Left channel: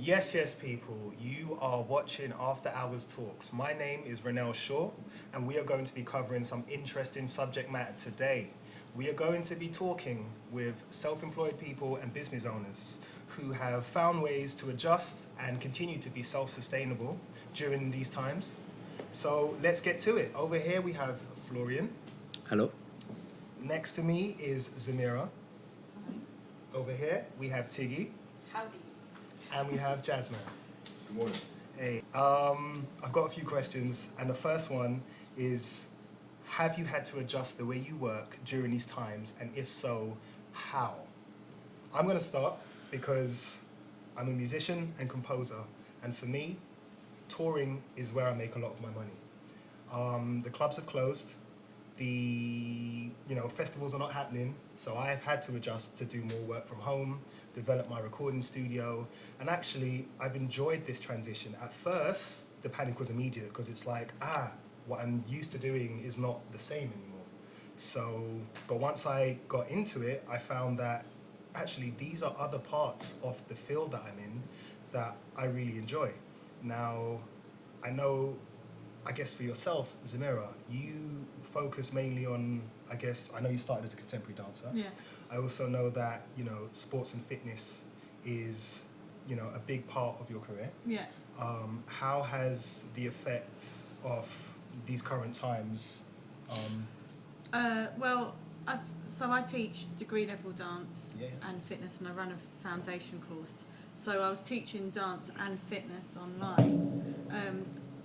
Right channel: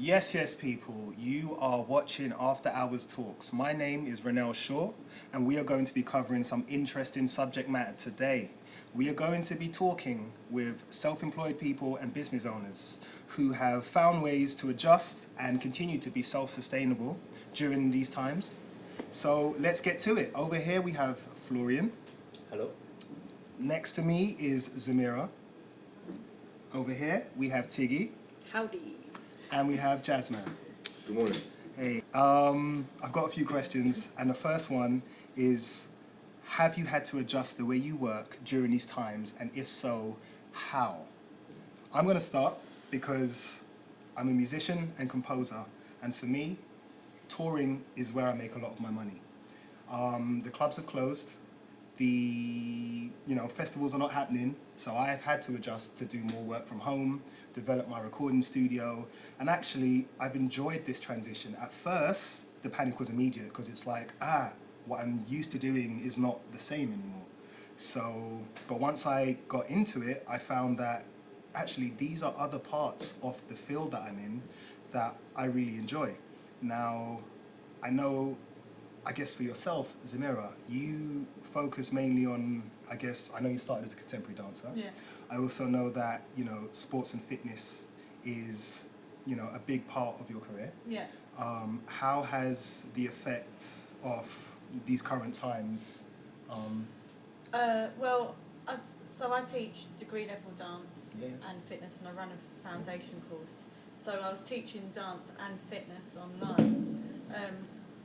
Yes, people, you are watching After Hours Talks. My name is Renell Shaw, and we are going to be covering some interesting subject matter today. We are going to be talking with self-employed people and business owners who have found ways to adjust and continue to be self-sustainable during these times. So let's get to it. Over here we have Florian. Hello. Next to me is Zamira. Over here we have Tiggy. Howdy. And we have Jazzman. Good morning. Hey, I've got a few questions, and the first one is, have you had to adjust the way you work during these times, and if so, how? I'm going to start because I'm a musician and composer, and for me, touring is where I make a lot of my money. The clubs have closed, the festivals are not happening, so I have had to adjust to do more work from home, develop my recording studio, and actually I've enjoyed this transition. At first, the panic was immediate because it's like, what I'm used to doing is not the same anymore. So, but once I got into it, I found that actually these are other parts of the field that I'm in that I really enjoy. Now, I guess for yourself, Zamira, you focus mainly on, I know you started as a contemporary dancer. Yeah. I also know that, sports and fitness is, a big part of your career. Yeah. How has the effect of these current times? I teach degree level dance Yeah. and fitness, and I run a foundation course. So I was teaching dance and fitness online.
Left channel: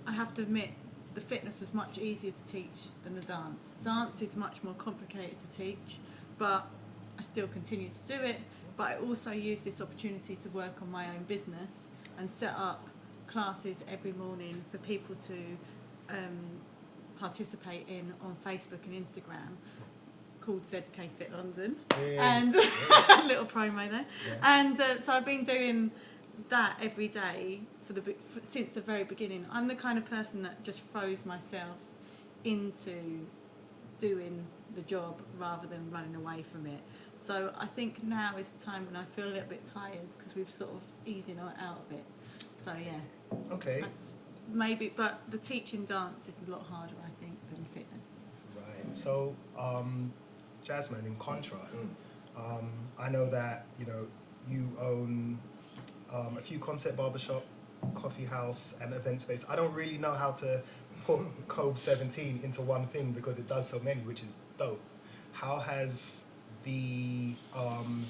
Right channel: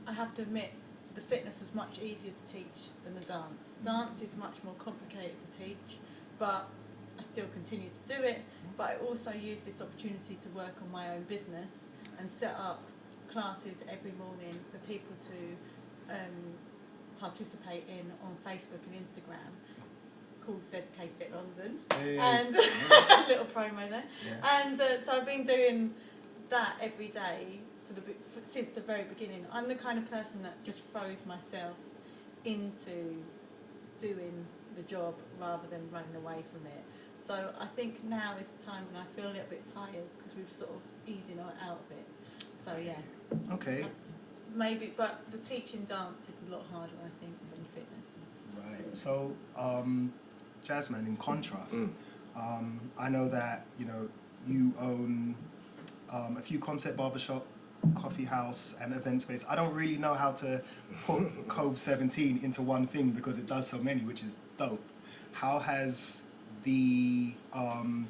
I have to admit, the fitness was much easier to teach than the dance. Dance is much more complicated to teach, but I still continue to do it. But I also use this opportunity to work on my own business and set up classes every morning for people to participate in on Facebook and Instagram, called ZKFit London, and a little promo there. Yeah. And so I've been doing that every day since the very beginning. I'm the kind of person that just throws myself into doing the job rather than running away from it. So I think now is the time when I feel a little bit tired because we've sort of easing out of it. So yeah. Okay. That's maybe, but the teaching dance is a lot harder, I think, than fitness. Right. So, Jazzman, in contrast, I know that, you own a few concept barbershop, coffee house, and event space. I don't really know how to put Cove 17 into one thing because it does so many, which is dope. How has the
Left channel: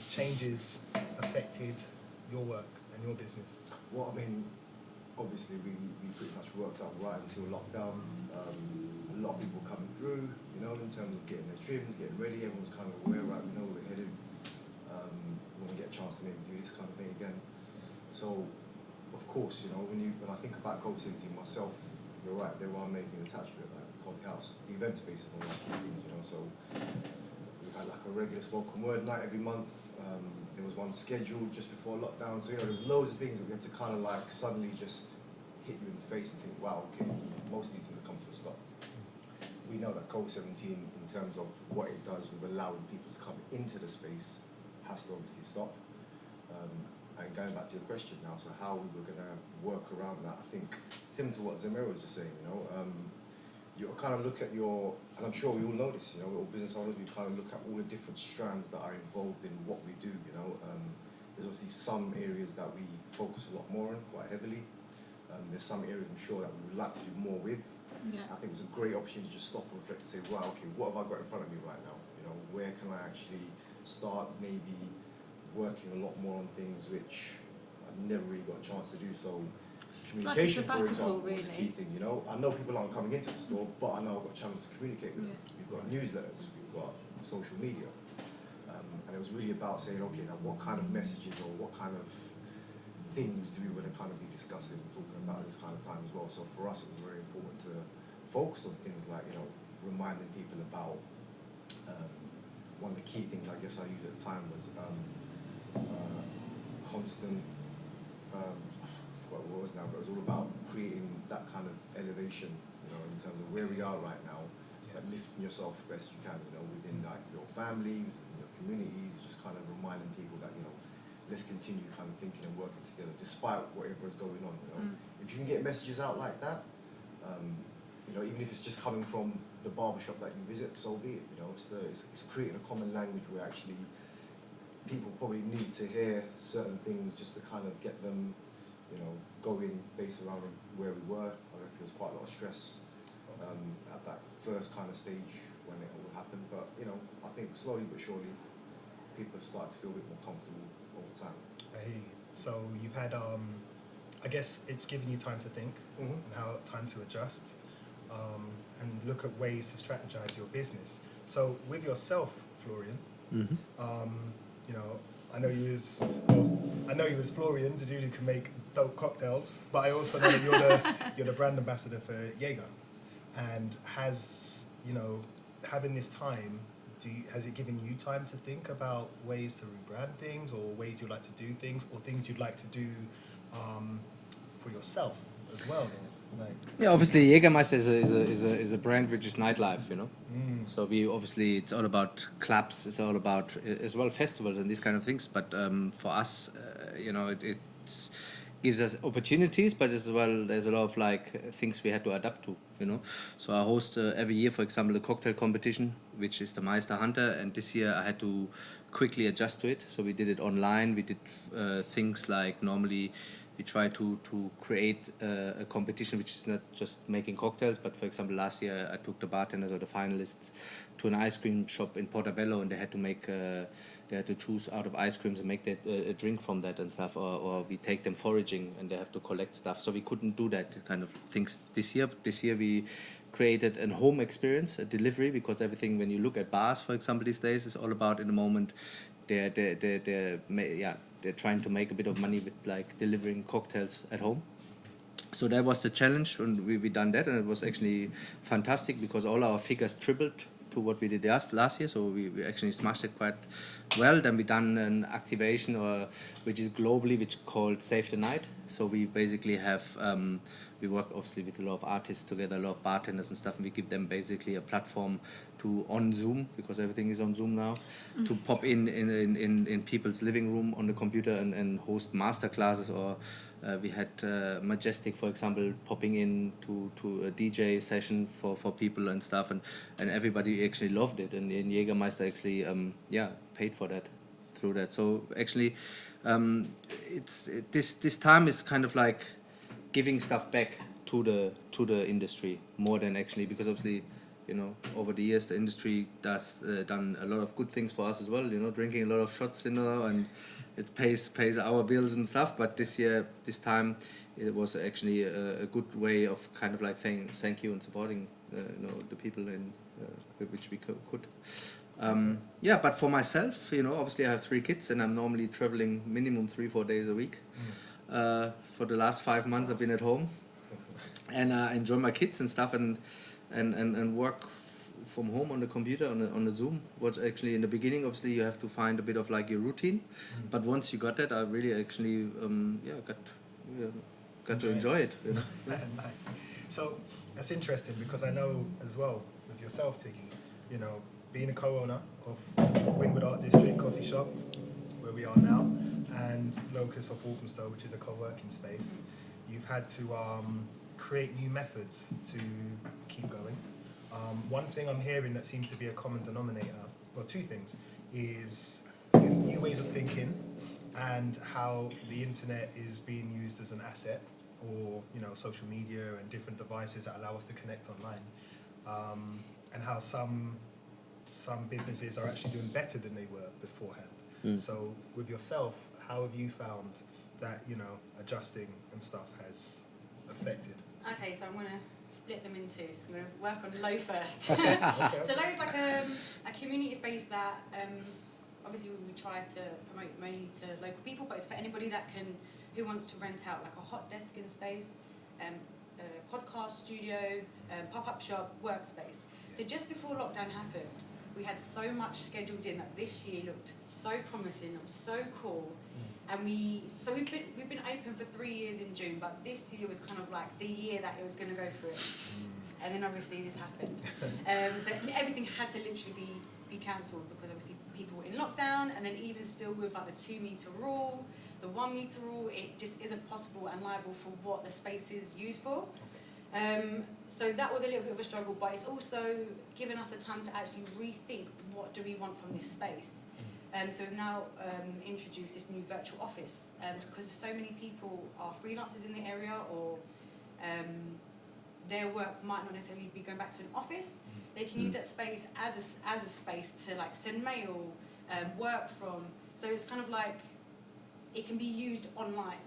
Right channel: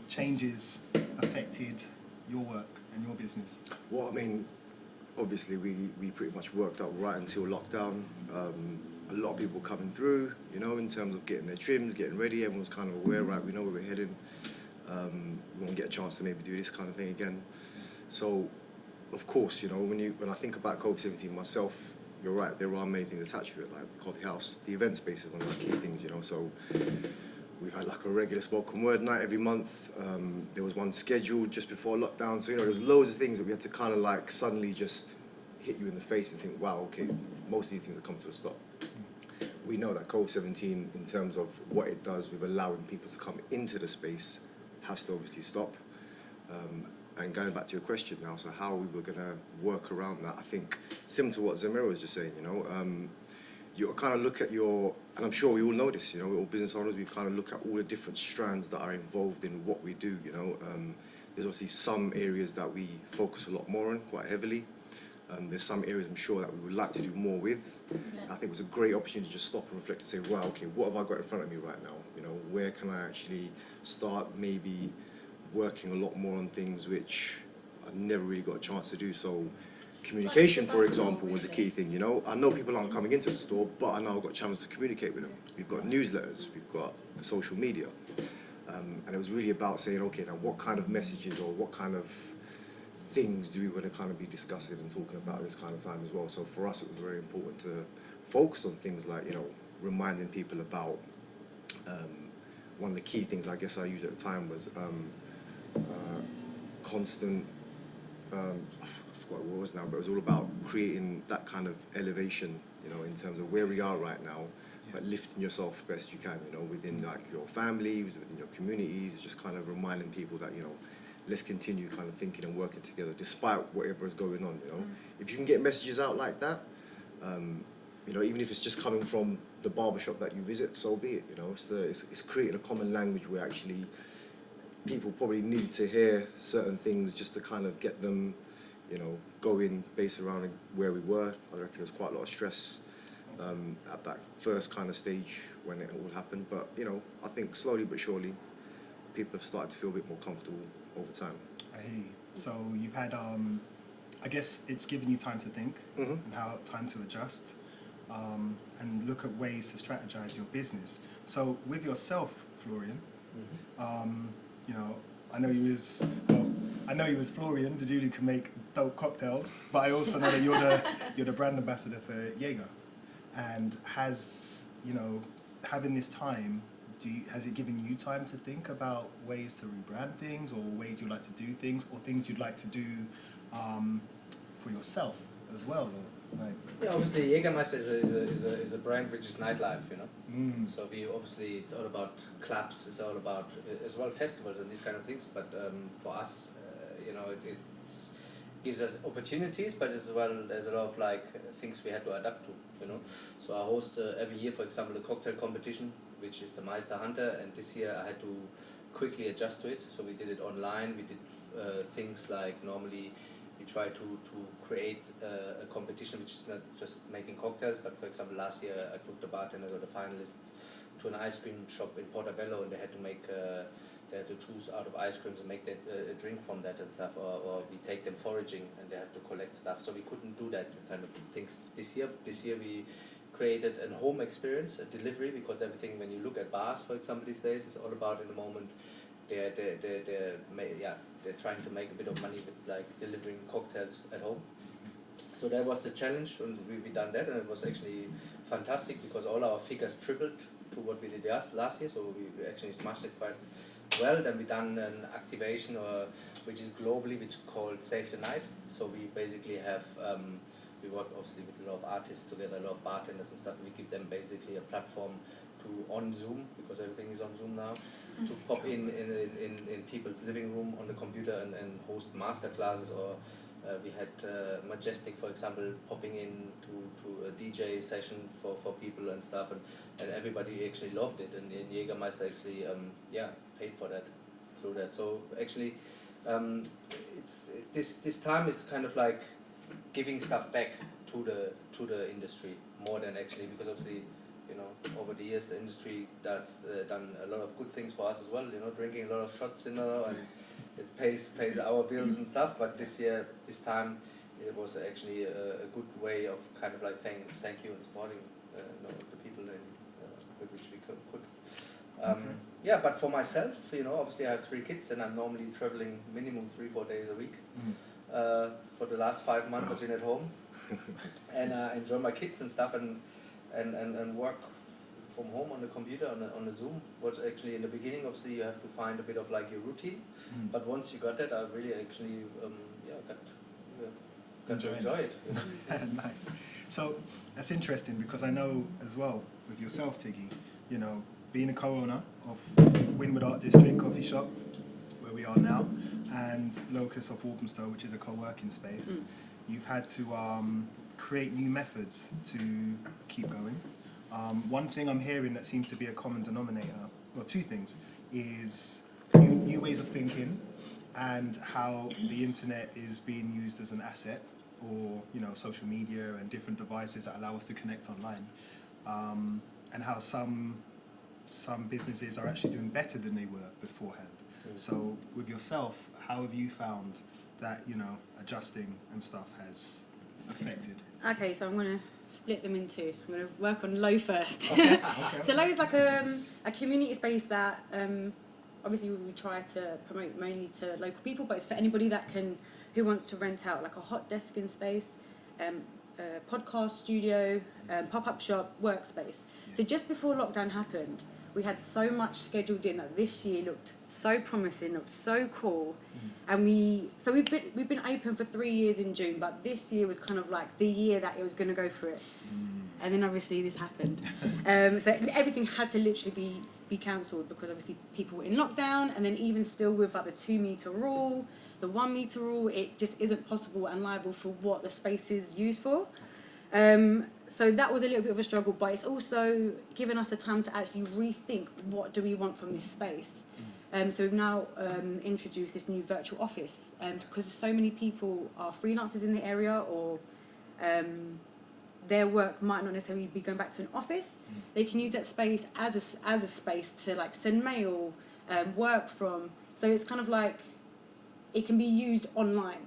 changes affected your work and your business? Well, I mean, obviously we pretty much worked out right until lockdown. A lot of people coming through, in terms of getting their trims, getting ready. Everyone's kind of aware, right? We know where we're heading. We won't get a chance to maybe do this kind of thing again. So, of course, when I think about Cove 17 myself, you're right, there are many things attached to it, like the coffee house. The event space is one of the key things, so we've had like a regular spoken word night every month. There was one scheduled just before lockdown, so there was loads of things that we had to kind of like suddenly just hit you in the face and think, wow, okay, most of these things have come to a stop. We know that Cove 17, in terms of what it does with allowing people to come into the space, has to obviously stop. And going back to your question now, so how we were going to work around that, I think similar to what Zamira was just saying, you kind of look at and I'm sure we all know this, all business owners, we kind of look at all the different strands that are involved in what we do, There's obviously some areas that we focus a lot more on, quite heavily. There's some areas I'm sure that we would like to do more with. Yeah. I think it was a great opportunity to just stop and reflect and say, wow, okay, what have I got in front of me right now? Where can I actually start maybe working a lot more on things which I never really got a chance to do. So communication, for example, was a key thing, I know people aren't coming into the store, but I know I've got channels to communicate with them. We've got newsletters, we've got social media. And it was really about saying, okay, now what kind of messages or what kind of things do we want to kind of be discussing and talking about this kind of time as well. So for us, it was very important to focus on things like, reminding people about, one of the key things I guess I used at the time was constant, I forgot what it was now, but it was all about creating that kind of elevation, in terms of where we are right now, but lifting yourself best you can, within like your families, within your communities, just kind of reminding people that, let's continue kind of thinking and working together despite whatever is going on, you know. If you can get messages out like that, you know, even if it's just coming from the barbershop that you visit, so be it, you know. It's creating a common language where actually people probably need to hear certain things just to kind of get them, you know, going based around where we were. I reckon there's quite a lot of stress at that first kind of stage when it all happened. But, you know, I think slowly but surely people have started to feel a bit more comfortable over time. Hey, so you've had, I guess it's given you time to think and time to adjust and look at ways to strategize your business. So with yourself, Florian, you know, I know you was Florian, the dude who can make dope cocktails, but I also know that you're the brand ambassador for Jaeger. And has, you know, having this time, has it given you time to think about ways to rebrand things, or ways you'd like to do things, or things you'd like to do for yourself as well? Like, yeah, obviously Jagermeister is a brand which is nightlife, you know. So we obviously, it's all about clubs, it's all about as well festivals and these kind of things. But for us, you know, it gives us opportunities, but as well there's a lot of like things we had to adapt to, you know. So I host every year, for example, a cocktail competition, which is the Meister Hunter, and this year I had to quickly adjust to it. So we did it online. We did things like normally we try to create a competition which is not just making cocktails, but for example last year I took the bartenders or the finalists to an ice cream shop in Portobello, and they had to make they had to choose out of ice creams and make that, a drink from that and stuff, or we take them foraging and they have to collect stuff. So we couldn't do that kind of things this year. This year we created a home experience, a delivery, because everything, when you look at bars, for example, these days, is all about, in the moment, they're trying to make a bit of money with like delivering cocktails at home. So that was the challenge, and we done that, and it was actually fantastic because all our figures tripled to what we did last year. So we actually smashed it quite well. Then we done an activation, which is globally, which is called Save the Night. So we basically have we work obviously with a lot of artists together, a lot of bartenders and stuff, and we give them basically a platform to, on Zoom, because everything is on Zoom now, to pop in people's living room on the computer and host masterclasses, or we had Majestic, for example, popping in to a DJ session for people and stuff, and everybody actually loved it, and Jagermeister actually paid for that through that. So actually this time is kind of like giving stuff back to the industry more than actually, because obviously, you know, over the years the industry done a lot of good things for us as well, you know, drinking a lot of shots, you know, and it pays our bills and stuff. But this time it was actually a good way of kind of like saying thank you and supporting you know, the people in which we could. Yeah, but for myself, you know, obviously I have 3 kids and I'm normally traveling minimum 3-4 days a week. For the last 5 months I've been at home and enjoy my kids and stuff, and work from home on the computer on the Zoom. Was actually in the beginning, obviously you have to find a bit of like your routine, but once you got that, I really actually got to enjoy it. You know? Nice. So that's interesting, because I know as well with yourself, Tiggy, you know, being a co-owner of Wynwood Art District Coffee Shop, where we are now, and Locus of Walthamstow, which is a co-working space, you've had to create new methods to keep going. One thing I'm hearing that seems to be a common denominator, well, 2 things, is new ways of thinking, and how the internet is being used as an asset, or, you know, social media and different devices that allow us to connect online, and how some businesses are actually doing better than they were beforehand. So with yourself, how have you found that, you know, adjusting and stuff has affected? Okay, so I'm going to split them in 2. I'm going to work on Low first. Okay. So Low is like a community space that obviously we try to promote mainly to local people, but it's for anybody who wants to rent out like a hot desking space, a podcast studio, pop-up shop, workspace. So just before lockdown happened, we had so much scheduled in that this year looked so promising, looked so cool, and we've been open for 3 years in June, but this year was kind of like the year that it was going to go for it. And then obviously this happened. So everything had to literally be cancelled because obviously people were in lockdown, and then even still with like the 2 metre rule, the 1 metre rule, it just isn't possible and liable for what the space is used for. So that was a little bit of a struggle, but it's also given us the time to actually rethink what do we want from this space. So we've now introduced this new virtual office, because so many people are freelancers in the area, or their work might not necessarily be going back to an office. They can use that space as a space to like send mail, work from. So it's kind of like it can be used online.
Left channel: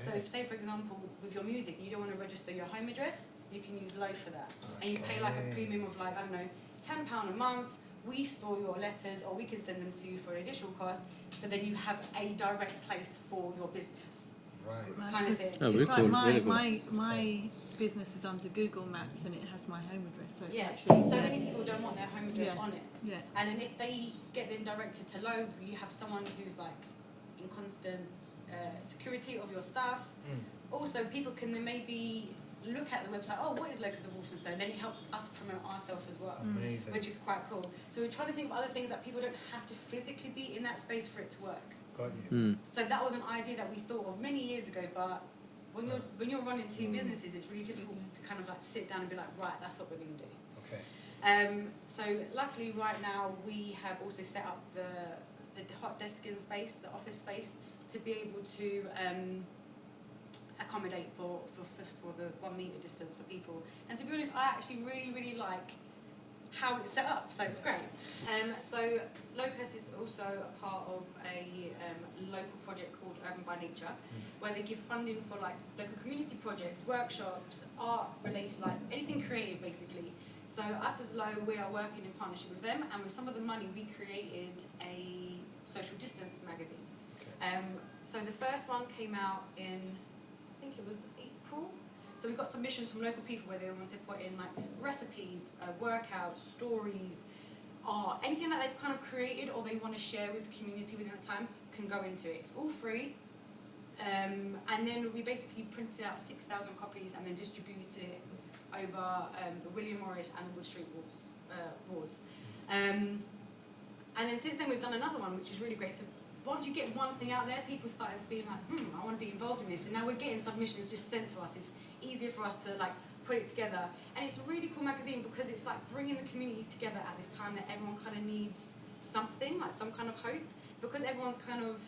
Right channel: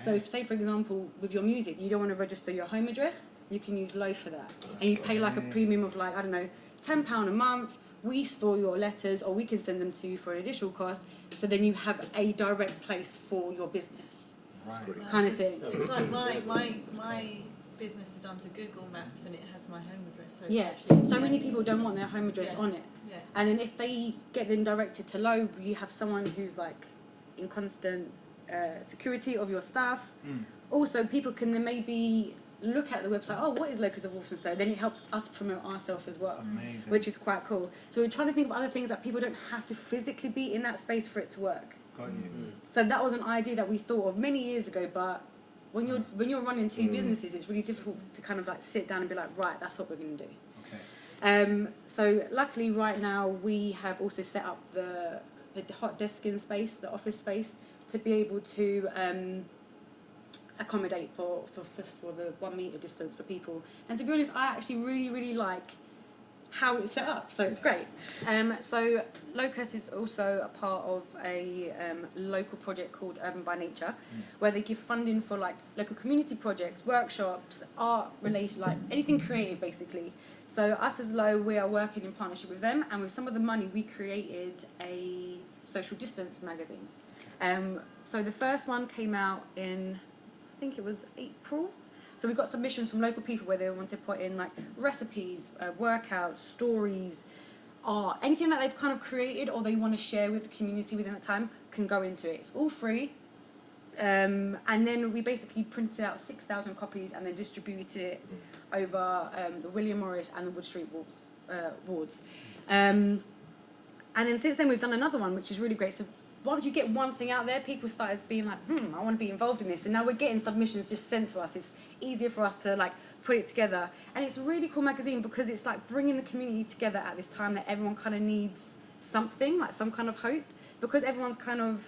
So if, say for example, with your music, you don't want to register your home address, you can use Low for that. And you pay like a premium of like, I don't know, £10 a month. We store your letters, or we can send them to you for an additional cost. So then you have a direct place for your business. Right. Kind of thing. Oh, It's really like cool. my business is under Google Maps and it has my home address. So it's Yeah, actually, so many people don't want their home address Yeah. on it. Yeah. And then if they get them directed to Low, you have someone who's like in constant security of your staff. Also, people can then maybe look at the website, oh, what is Locus of Walthamstow? Then it helps us promote ourselves as well, Amazing. which is quite cool. So we're trying to think of other things that people don't have to physically be in that space for it to work. Got you. So that was an idea that we thought of many years ago, but when you're running two businesses, it's really difficult to kind of like sit down and be like, right, that's what we're going to do. Okay. So luckily right now we have also set up the hot desking space, the office space, to be able to accommodate for the 1 metre distance for people. And to be honest, I actually really like how it's set up, so it's great. So Locus is also a part of a local project called Urban by Nature, where they give funding for like local community projects, workshops, art related, like anything creative basically. So us as Low, we are working in partnership with them, and with some of the money we created a social distance magazine. So the first one came out in, I think it was April. So we got submissions from local people where they wanted to put in like recipes, workouts, stories, art, anything that they've kind of created or they want to share with the community within that time can go into it. It's all free. And then we basically printed out 6,000 copies and then distributed it over the William Morris and the Wood Street wards. And then since then we've done another one, which is really great. So once you get one thing out there, people started being like, I want to be involved in this. And now we're getting submissions just sent to us. It's easier for us to like put it together. And it's a really cool magazine because it's like bringing the community together at this time that everyone kind of needs something, like some kind of hope. Because everyone's kind of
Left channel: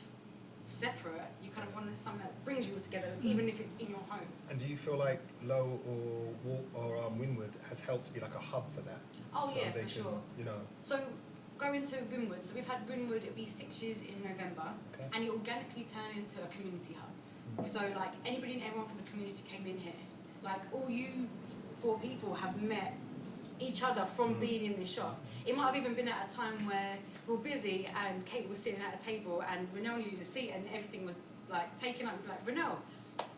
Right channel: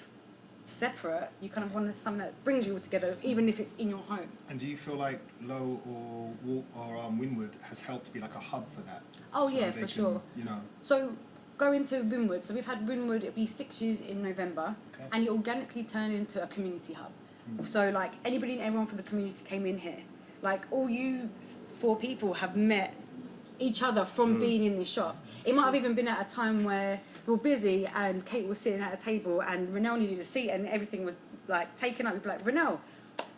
separate, you kind of want something that brings you all together, even if it's in your home. And do you feel like Low or Winwood has helped be like a hub for that? Oh So yeah, they for can, sure. You know. So going to Winwood, so we've had Winwood, it'll be 6 years in November, Okay. and it organically turned into a community hub. So like anybody and everyone from the community came in here. Like all you 4 people have met each other from being in this shop. It might have even been at a time where we were busy and Kate was sitting at a table and Renell needed a seat and everything was like taken up. We'd be like, Renell,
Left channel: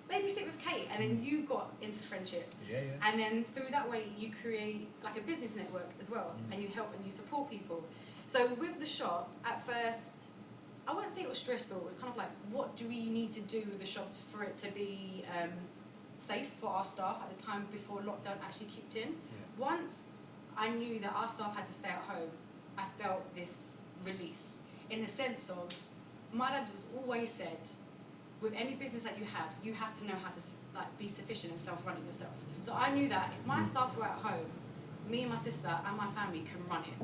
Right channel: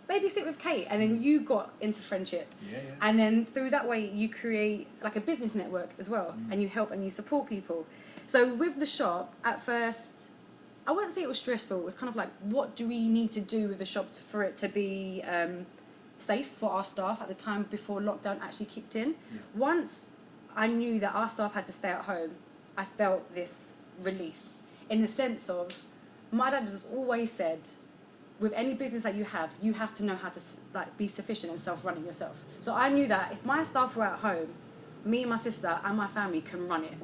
maybe sit with Kate, and then you got into friendship. Yeah. And then through that way you create like a business network as well, and you help and you support people. So with the shop, at first, I wouldn't say it was stressful. It was kind of like, what do we need to do with the shop for it to be safe for our staff at the time before lockdown actually kicked in? Once I knew that our staff had to stay at home, I felt this release in the sense of, my dad has always said, with any business that you have to know how to like be sufficient and self-running yourself. So I knew that if my staff were at home, me and my sister and my family can run it.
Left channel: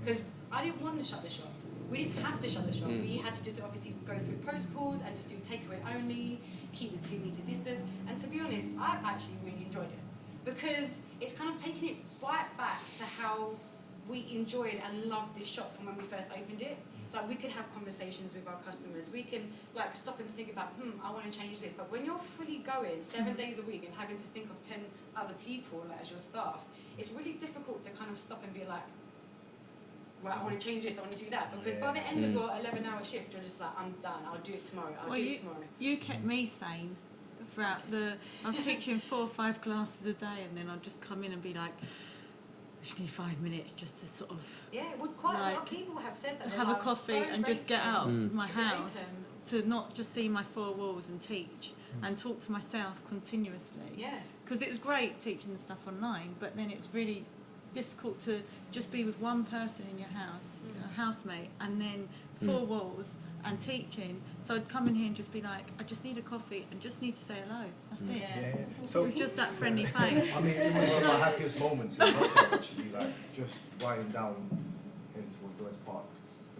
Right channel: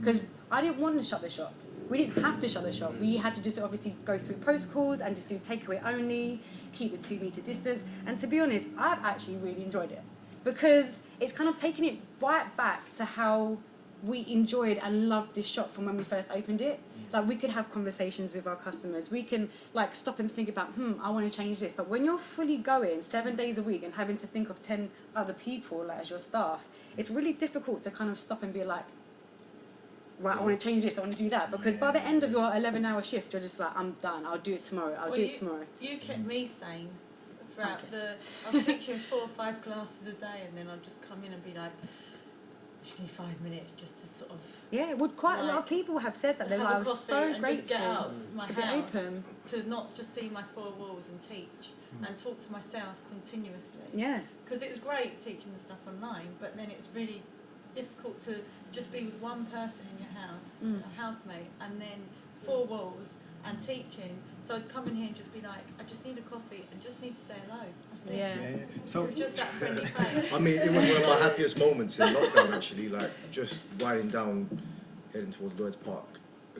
Because I didn't want to shut the shop. We didn't have to shut the shop. We had to just obviously go through protocols and just do takeaway only, keep the 2 metre distance. And to be honest, I've actually really enjoyed it because it's kind of taken it right back to how we enjoyed and loved this shop from when we first opened it. Like we could have conversations with our customers. We can like stop and think about, I want to change this. But when you're fully going 7 days a week and having to think of 10 other people like as your staff, it's really difficult to kind of stop and be like, right, I want to change this, I want to do that. Because by the end of your 11-hour shift, you're just like, I'm done, I'll do it tomorrow, I'll do it tomorrow. You kept me sane throughout I was teaching 4 or 5 classes a day, and then I'd just come in and be like, just need 5 minutes just to sort of Yeah, well, quite a lot of Like, people have said that. They're have like, a I'm coffee so and just get grateful out of my to be house, open. to not just see my four walls and teach and talk to myself continuously. Yeah. Because it was great teaching the stuff online, but then it's really difficult to just be with one person in your house, a housemate, and then four walls and teaching. So I'd come in here and just be like, I just need a coffee and just need to say hello. That's it. Yeah. Yeah. So It was just that friendly face. I mean, it was one of my happiest moments in lockdown, actually, like just riding down, heading towards Lloyd's Park.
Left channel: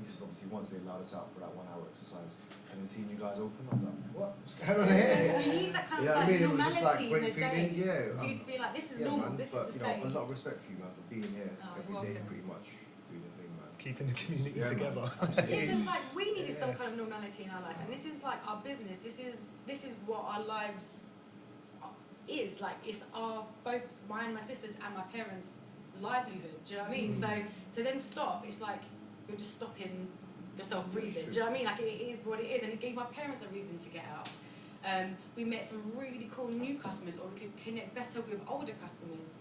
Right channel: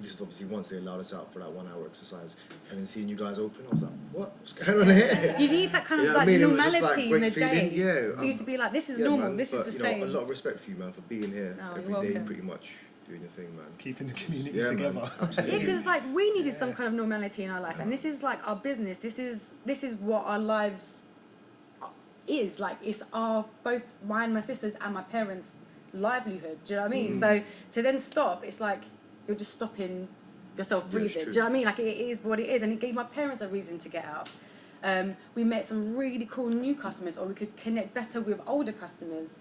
This is obviously once they allowed us out for that 1 hour exercise, and then seeing you guys open, I was like, what's going on here? You need that kind of You know what like I mean? It was just, normality like, in the great feeling. day. Yeah, For you to be like, this is yeah, normal, man, this but, is you the know, same. a lot of respect for you, man, for being here Oh, every you're day, welcome. pretty much doing your thing, man. keeping the community Yeah, man. together. Yeah, Absolutely. because like we needed some kind of normality in our life, and this is like our business. This is what our lives is like. It's our both mine, my sisters, and my parents' livelihood. Do you know what I mean? So to then stop, it's like you're just stopping yourself Yeah, it's breathing. Do true. you know what I mean? Like it is what it is, and it gave my parents a reason to get out. We met some really cool new customers, or we could connect better with older customers.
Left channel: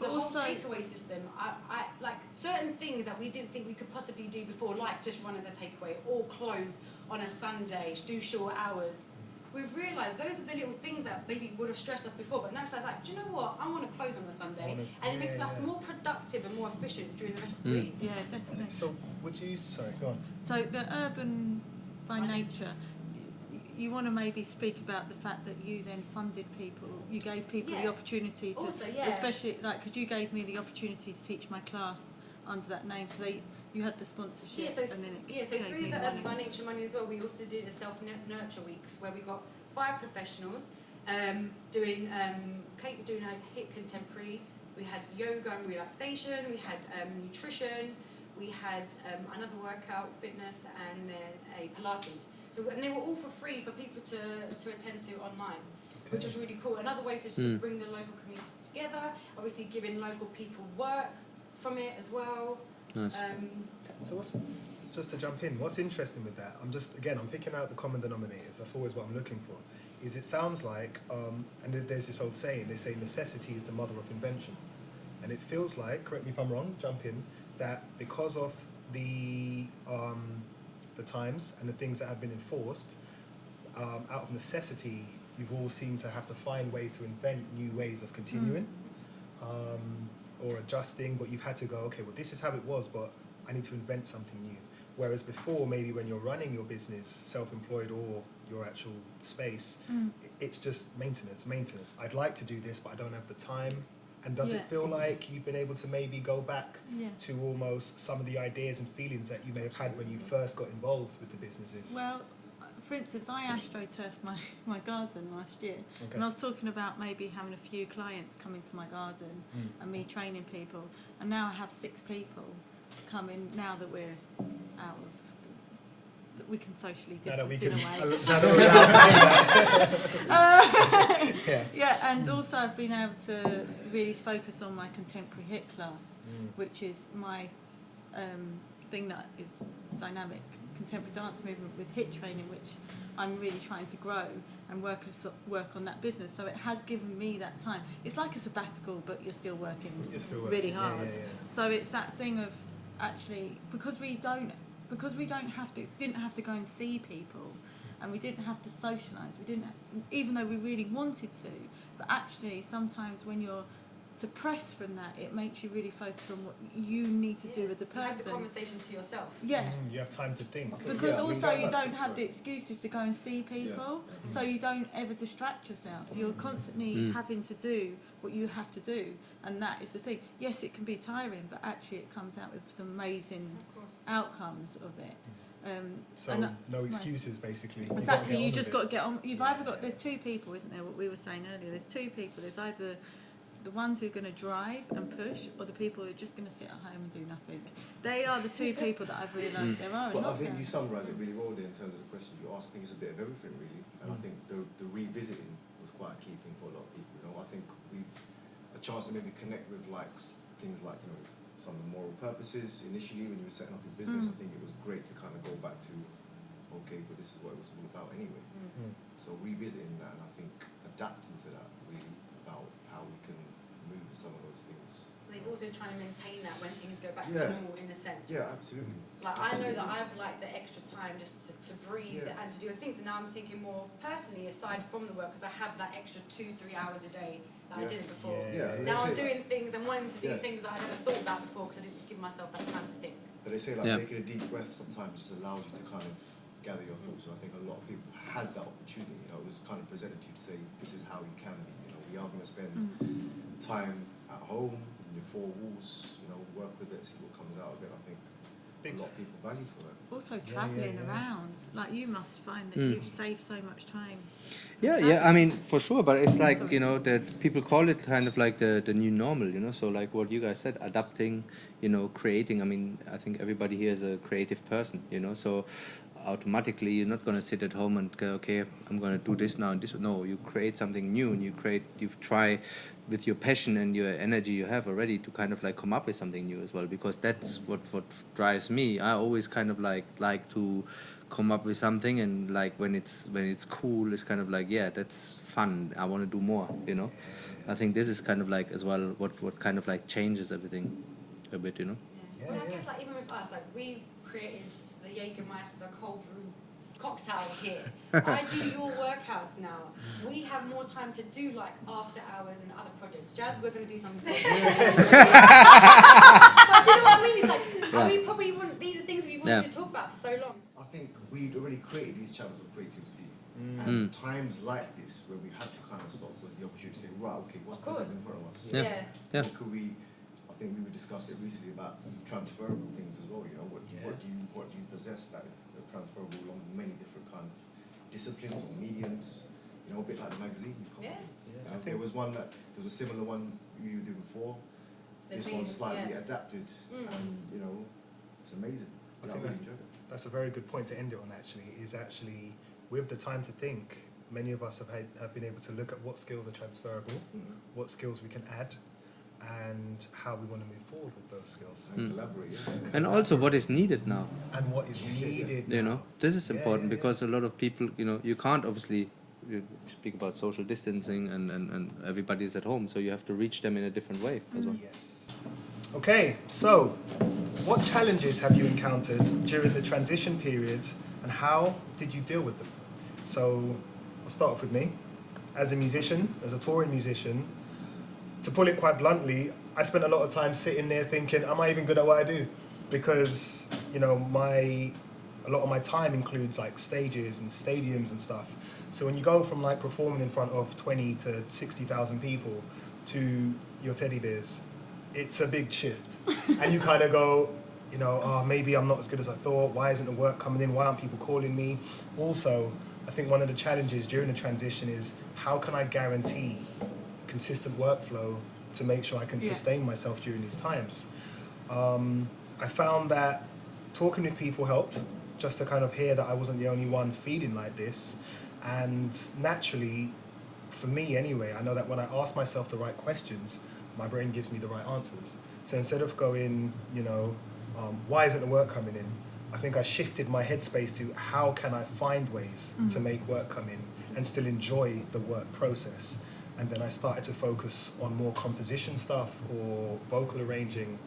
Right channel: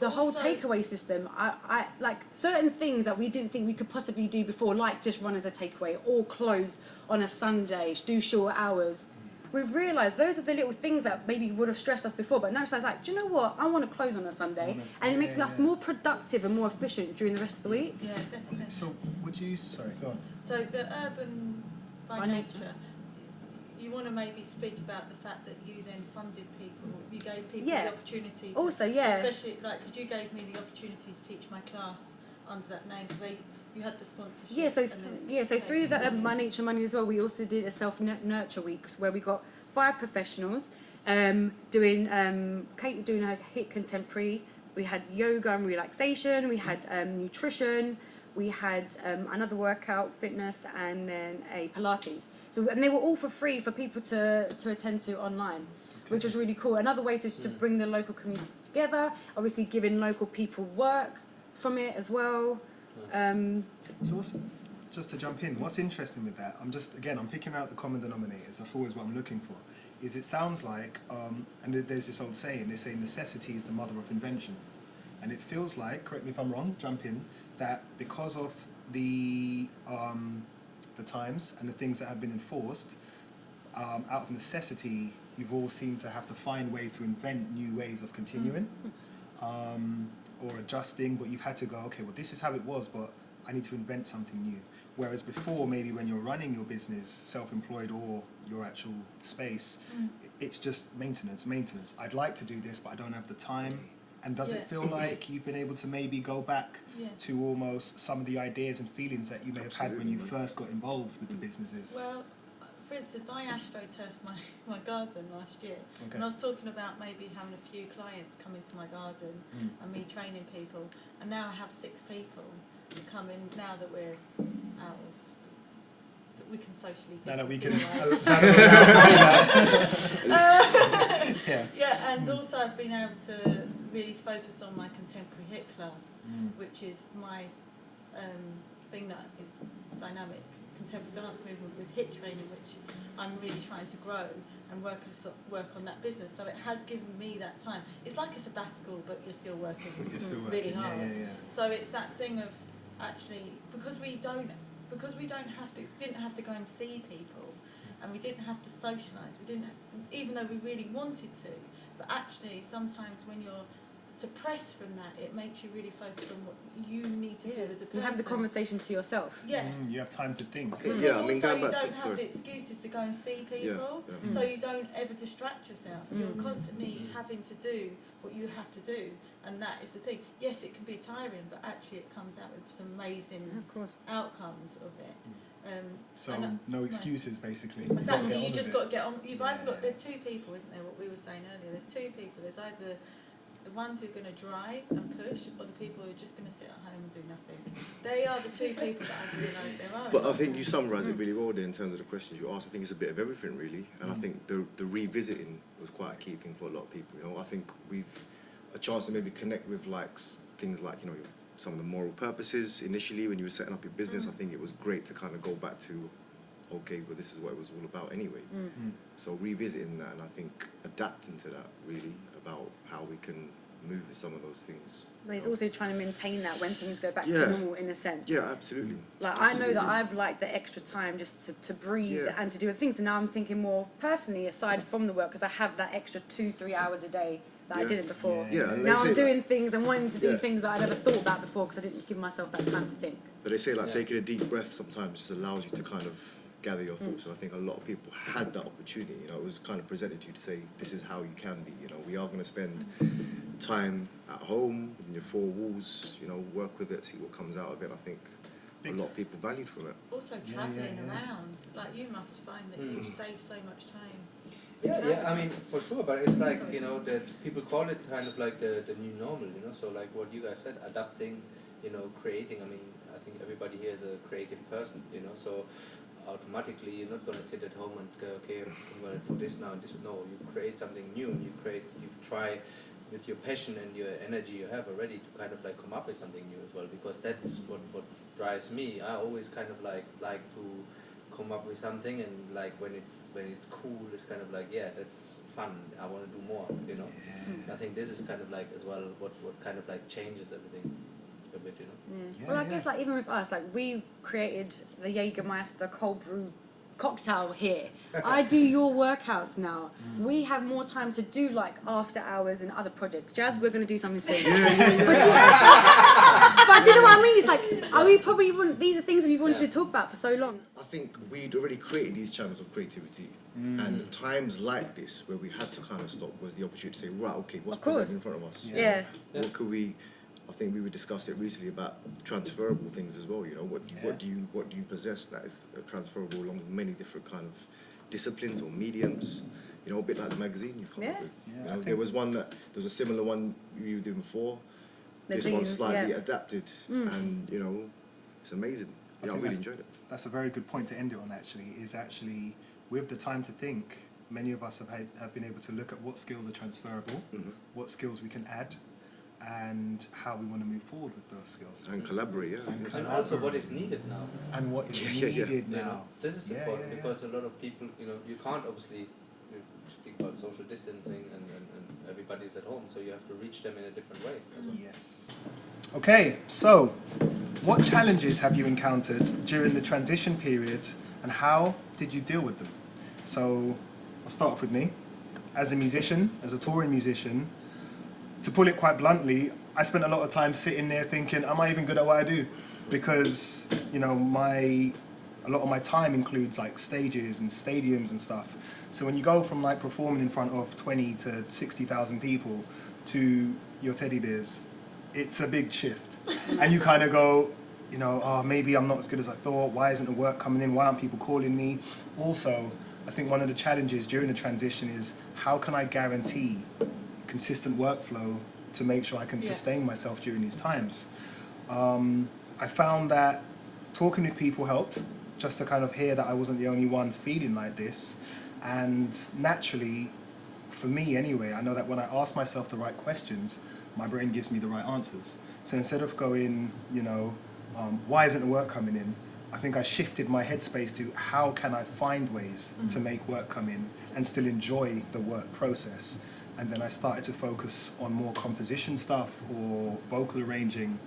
The whole Also- takeaway system, I like certain things that we didn't think we could possibly do before, like just run as a takeaway or close on a Sunday, do short hours. We've realised those are the little things that maybe would have stressed us before, but now it's like, do you know what? I want to close on a Sunday, and it makes us more productive and more efficient during the rest of the week. Yeah, definitely. So would you? Sorry, go on. So the urban by By nature, you want to maybe speak about the fact that you then funded people, you gave people Yeah. the opportunity to, Also, yeah. especially like because you gave me the opportunity to teach my class under that name, so you had the sponsorship. Yeah, so and then so gave through me the money. By Nature Money as well, we also did a self-nurture week where we got 5 professionals doing a hit contemporary. We had yoga and relaxation. We had nutrition. We had another workout, fitness, and then a Pilates. So and they were all for free for people to attend to online, which was really cool. Another way to bring the local community together. Obviously, giving local people work from it as well. So just to jump in, what's interesting with that, I'm picking out the common denominators, that's always what I'm looking for, is it sounds like, and there's this old saying, they say necessity is the mother of invention. And it feels like, correct me if I'm wrong, jump in, that because of the times and the things that have been enforced, out of necessity, you've all seemed to have to find ways to invent new ways of continuing. Or adjusting, but you've had to go, okay, well, this is how it was, but I need to invent something new. Whereas before, maybe when you're running your business, self-employed or your actual space, it's just maintenance. I'd like to do this, but I don't have the time. And does it feel like you've been able to maybe go back to almost some of the ideas and feelings that you may have had when you first got involved with the businesses? Well, for instance, I astroturfed my garden last year, Okay. and I was talking about maybe having a few clients come into my garden and me training people, and now I have 6 people come in now that we're out of, that we can socially distance. Now that we can... Yeah. Yeah, and also I've been able to really focus on my contemporary hit class, which is my thing that is dynamic contemporary dance movement with hit training, which I'm really trying to grow and work on that business. So it has given me that time. It's like a sabbatical, but you're still working, really hard. Yeah. So it's that thing of actually, because we didn't have to go and see people, and we didn't have to socialise. Even though we really wanted to, but actually sometimes when you're suppressed from that, it makes you really focus on what you need to do as a person. You have the conversation to yourself. Yeah. You have time to think. Because Yeah, I mean, also going you back to- don't have the excuses to go and see people, so you don't ever distract yourself. You're constantly having to do what you have to do, and that is the thing. Yes, it can be tiring, but actually it comes out with some amazing outcomes of it. So and no excuses, basically. Exactly, you just got to get on. You've either got, there's 2 people, isn't there, what we were saying earlier, there's 2 people. There's either the ones who are going to drive and push, or the people who are just going to sit at home and do nothing. They are the 2 people that I've realised there are. But I think you summarised it really well there in terms of the questions you asked. I think it's a bit of everything, really. And I think the revisiting was quite a key thing for a lot of people. You know, I think we've a chance to maybe connect with things like, you know, some of the moral purposes initially when you were setting up your business. I think it was great to kind of go back to, okay, well, this is what it was all about anyway. So revisiting that, and I think adapting to that, really, about how we can move with some of those things. But it's also trying to maintain that when things go back Yeah. to normal, in a sense. Yeah, absolutely. Like, I know that I've liked the extra time just to breathe Yeah. and to do things. And now I'm thinking more personally, aside from the work, because I have that extra 2-3 hours a day that I Yeah. didn't before. Yeah, and they Now say I'm that- doing things and wanting to do Yeah. things that I never thought about before because I didn't give myself that time to think. But they say like Yeah. taking a deep breath sometimes just allows you to kind of gather your thoughts. And I think a lot of people had that opportunity. You know, it was kind of presented to you to say, this is how you can be. You know, we are going to spend time at home in your four walls. You know, work with it, see what comes out of it. I think Big a lot of people valued from it. Also Yeah, travelling yeah. around. Like, you must find that Mm. you've saved so much time. Yeah, I mean, for sure, but it's like, you know, that people call it kind of like the new normal, you know, so like what you guys said, adapting, you know, creating. I mean, I think everybody here is a creative person, you know, so automatically you're not going to sit at home and go, okay, I'm going to do this now and this. No, you create something new, and you try with your passion and your energy you have already to kind of like come up with something new as well, because that's what drives me. I always kind of like to come up with something, and like when it's cool, it's kind of like, yeah, that's fun, I want to do more, you know. I think this is kind of like as well what kind of like changes everything a bit, you know. Yeah, Well, I yeah. guess like even with us, like we've created the Jagermeister cold brew cocktail here. I do your workouts now. We have more time to do like after hours and other projects. Jazz, we're going to do something soon. But do you know what I mean? It's like, are we probably these are things we've wanted Yeah. to talk about for so long. I think we'd already created these channels of creativity. And times like this where we had to kind of stop was the opportunity to say, right, okay, what's Of course. presented in front of us? Yeah. Yeah. What could we? I think we discussed it recently about transferable things as well. You know, what do you possess that is transferable along many different kind of disciplines or mediums? You know, a bit like the magazine you come up with. Yeah, You I know, think- there was one that there was a similar one you did before. The This one's zines, slightly yeah. adapted, and you know, it's amazing. I Yeah, I think really that- enjoyed it. That's a very good point to end it on. Actually, with the time to think, many of us have been able to look at what skills are transferable, what skills we can add, and how we want to move forward with those skills, And collaborate, yeah. And also what is needed now, and what is Yeah. needed now. you know. This is Yeah, important yeah, because a lot of people, you know, you can't obviously, you speak about social distancing and everybody's at home, so you have to reach them in a different way as well. Yes. Okay, so what challenges have you encountered during the transition period, and how did you deal with them? So I'll start off with me. As a musician, as a touring musician, to put it quite bluntly, I spent a lot of time sitting there thinking, am I even good at what I do? Because, you know, a lot of my time includes like stages and stadiums and stuff. So when you go from like performing in front of 20 to 60,000 people to your teddy bears, it's a big shift. And you kind of go, you know, oh, maybe I'm not as good as I thought. Why isn't the work coming in? Why aren't people calling me? Also, I think one of the challenges during the transition is how can I guarantee consistent workflow to make sure I can sustain myself during these times? I found that talking with people helped, just to kind of hear that I wasn't the only one feeling like this. And naturally, for me anyway, I know that when I ask myself the right questions, my brain gives me the right answers. So instead of going, you know, why isn't the work coming in? I think I shifted my headspace to how can I find ways to make work come in and still enjoy the work process. And then I started to focus on more composition stuff or vocal arranging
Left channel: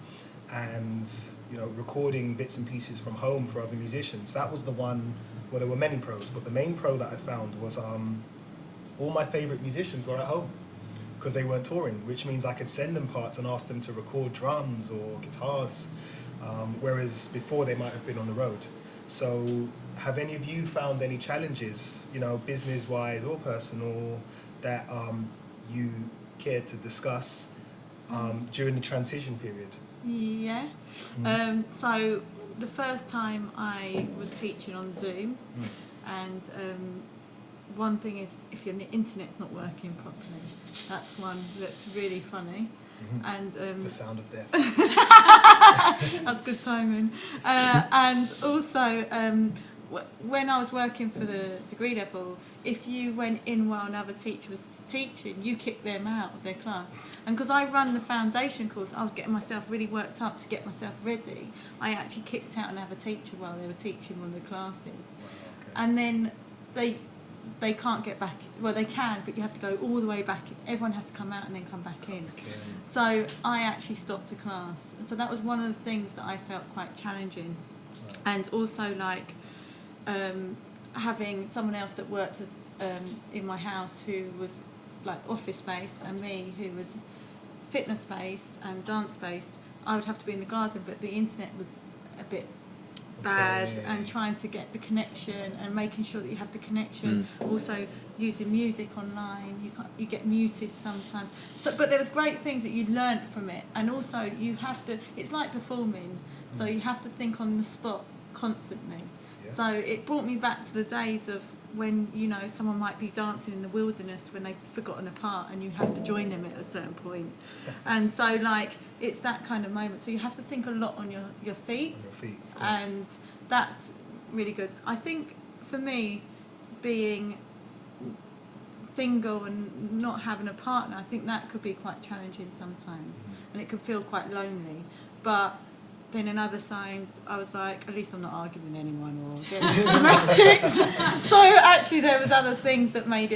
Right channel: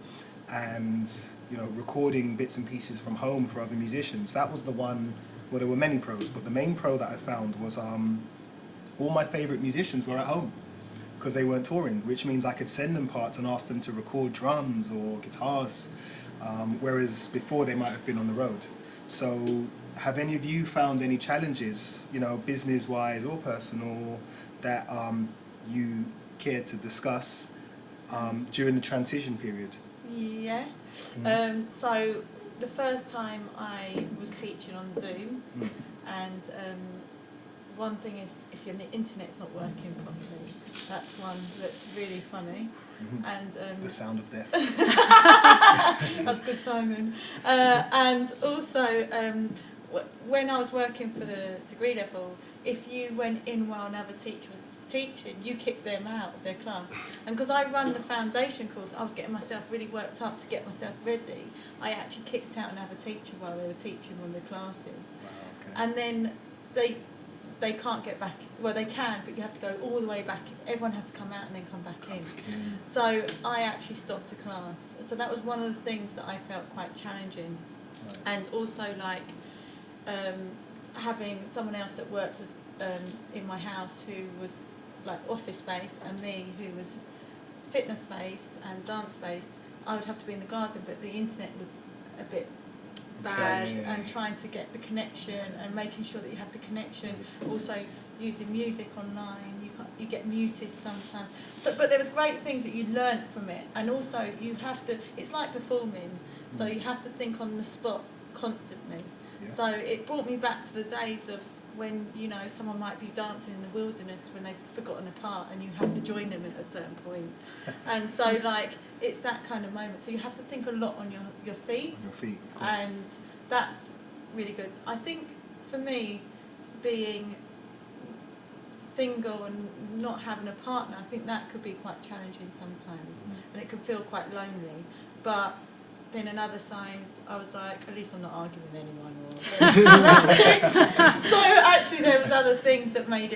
and, you know, recording bits and pieces from home for other musicians. That was the one, well, there were many pros, but the main pro that I found was all my favorite musicians were at home because they weren't touring, which means I could send them parts and ask them to record drums or guitars, whereas before they might have been on the road. So have any of you found any challenges, you know, business-wise or personal, that you care to discuss during the transition period? Yeah. So the first time I was teaching on Zoom, and one thing is if your internet's not working properly, that's one that's really funny. And The sound of death. that's good timing. And also, when I was working for the degree level, if you went in while another teacher was teaching, you kicked them out of their class. And because I run the foundation course, I was getting myself really worked up to get myself ready. I actually kicked out another teacher while they were teaching one of the classes. Wow, okay. And then they can't get back. Well, they can, but you have to go all the way back. Everyone has to come out and then come back in. So I actually stopped a class. So that was one of the things that I felt quite challenging. Right. And also like having someone else that worked as in my house who was like office based, and me who was fitness based and dance based. I would have to be in the garden, but the internet was a bit bad, and trying to get the connection and making sure that you have the connection. Also using music online, you get muted sometimes. So, but there was great things that you learnt from it, and also you have to. It's like performing, so you have to think on the spot constantly. Yeah. So it brought me back to the days of when someone might be dancing in the wilderness when they've forgotten a part, and you have to join them at a certain point. And so like it's that kind of moment. So you have to think a lot on your feet. On your feet, of course. And that's really good. I think for me, being single and not having a partner, I think that could be quite challenging sometimes, and it can feel quite lonely. But then in other times, I was like, at least I'm not arguing with anyone or getting domestics. So actually, there was other things that made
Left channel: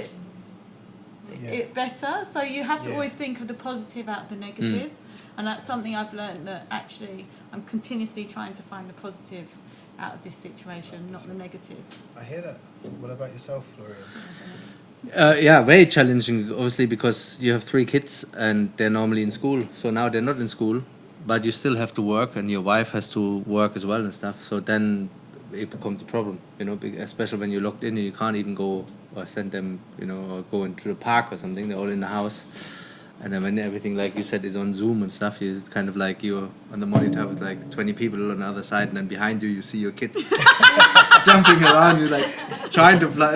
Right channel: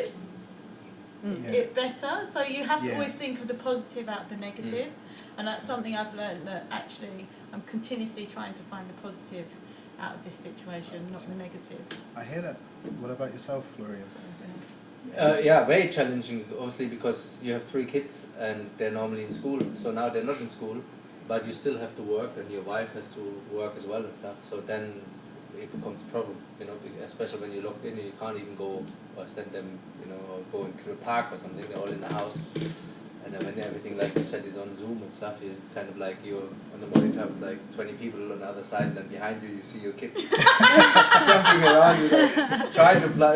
it better. So you have to always think of the positive out of the negative, and that's something I've learned, that actually I'm continuously trying to find the positive out of this situation, not the negative. I hear that. What about yourself, Florian? Yeah, very challenging, obviously, because you have 3 kids and they're normally in school. So now they're not in school, but you still have to work, and your wife has to work as well and stuff. So then it becomes a problem, especially when you're locked in and you can't even go or send them, or go into the park or something. They're all in the house. And then when everything, like you said, is on Zoom and stuff, it's kind of like you're on the monitor with like 20 people on the other side, and then behind you see your kids jumping around, you're like trying to play,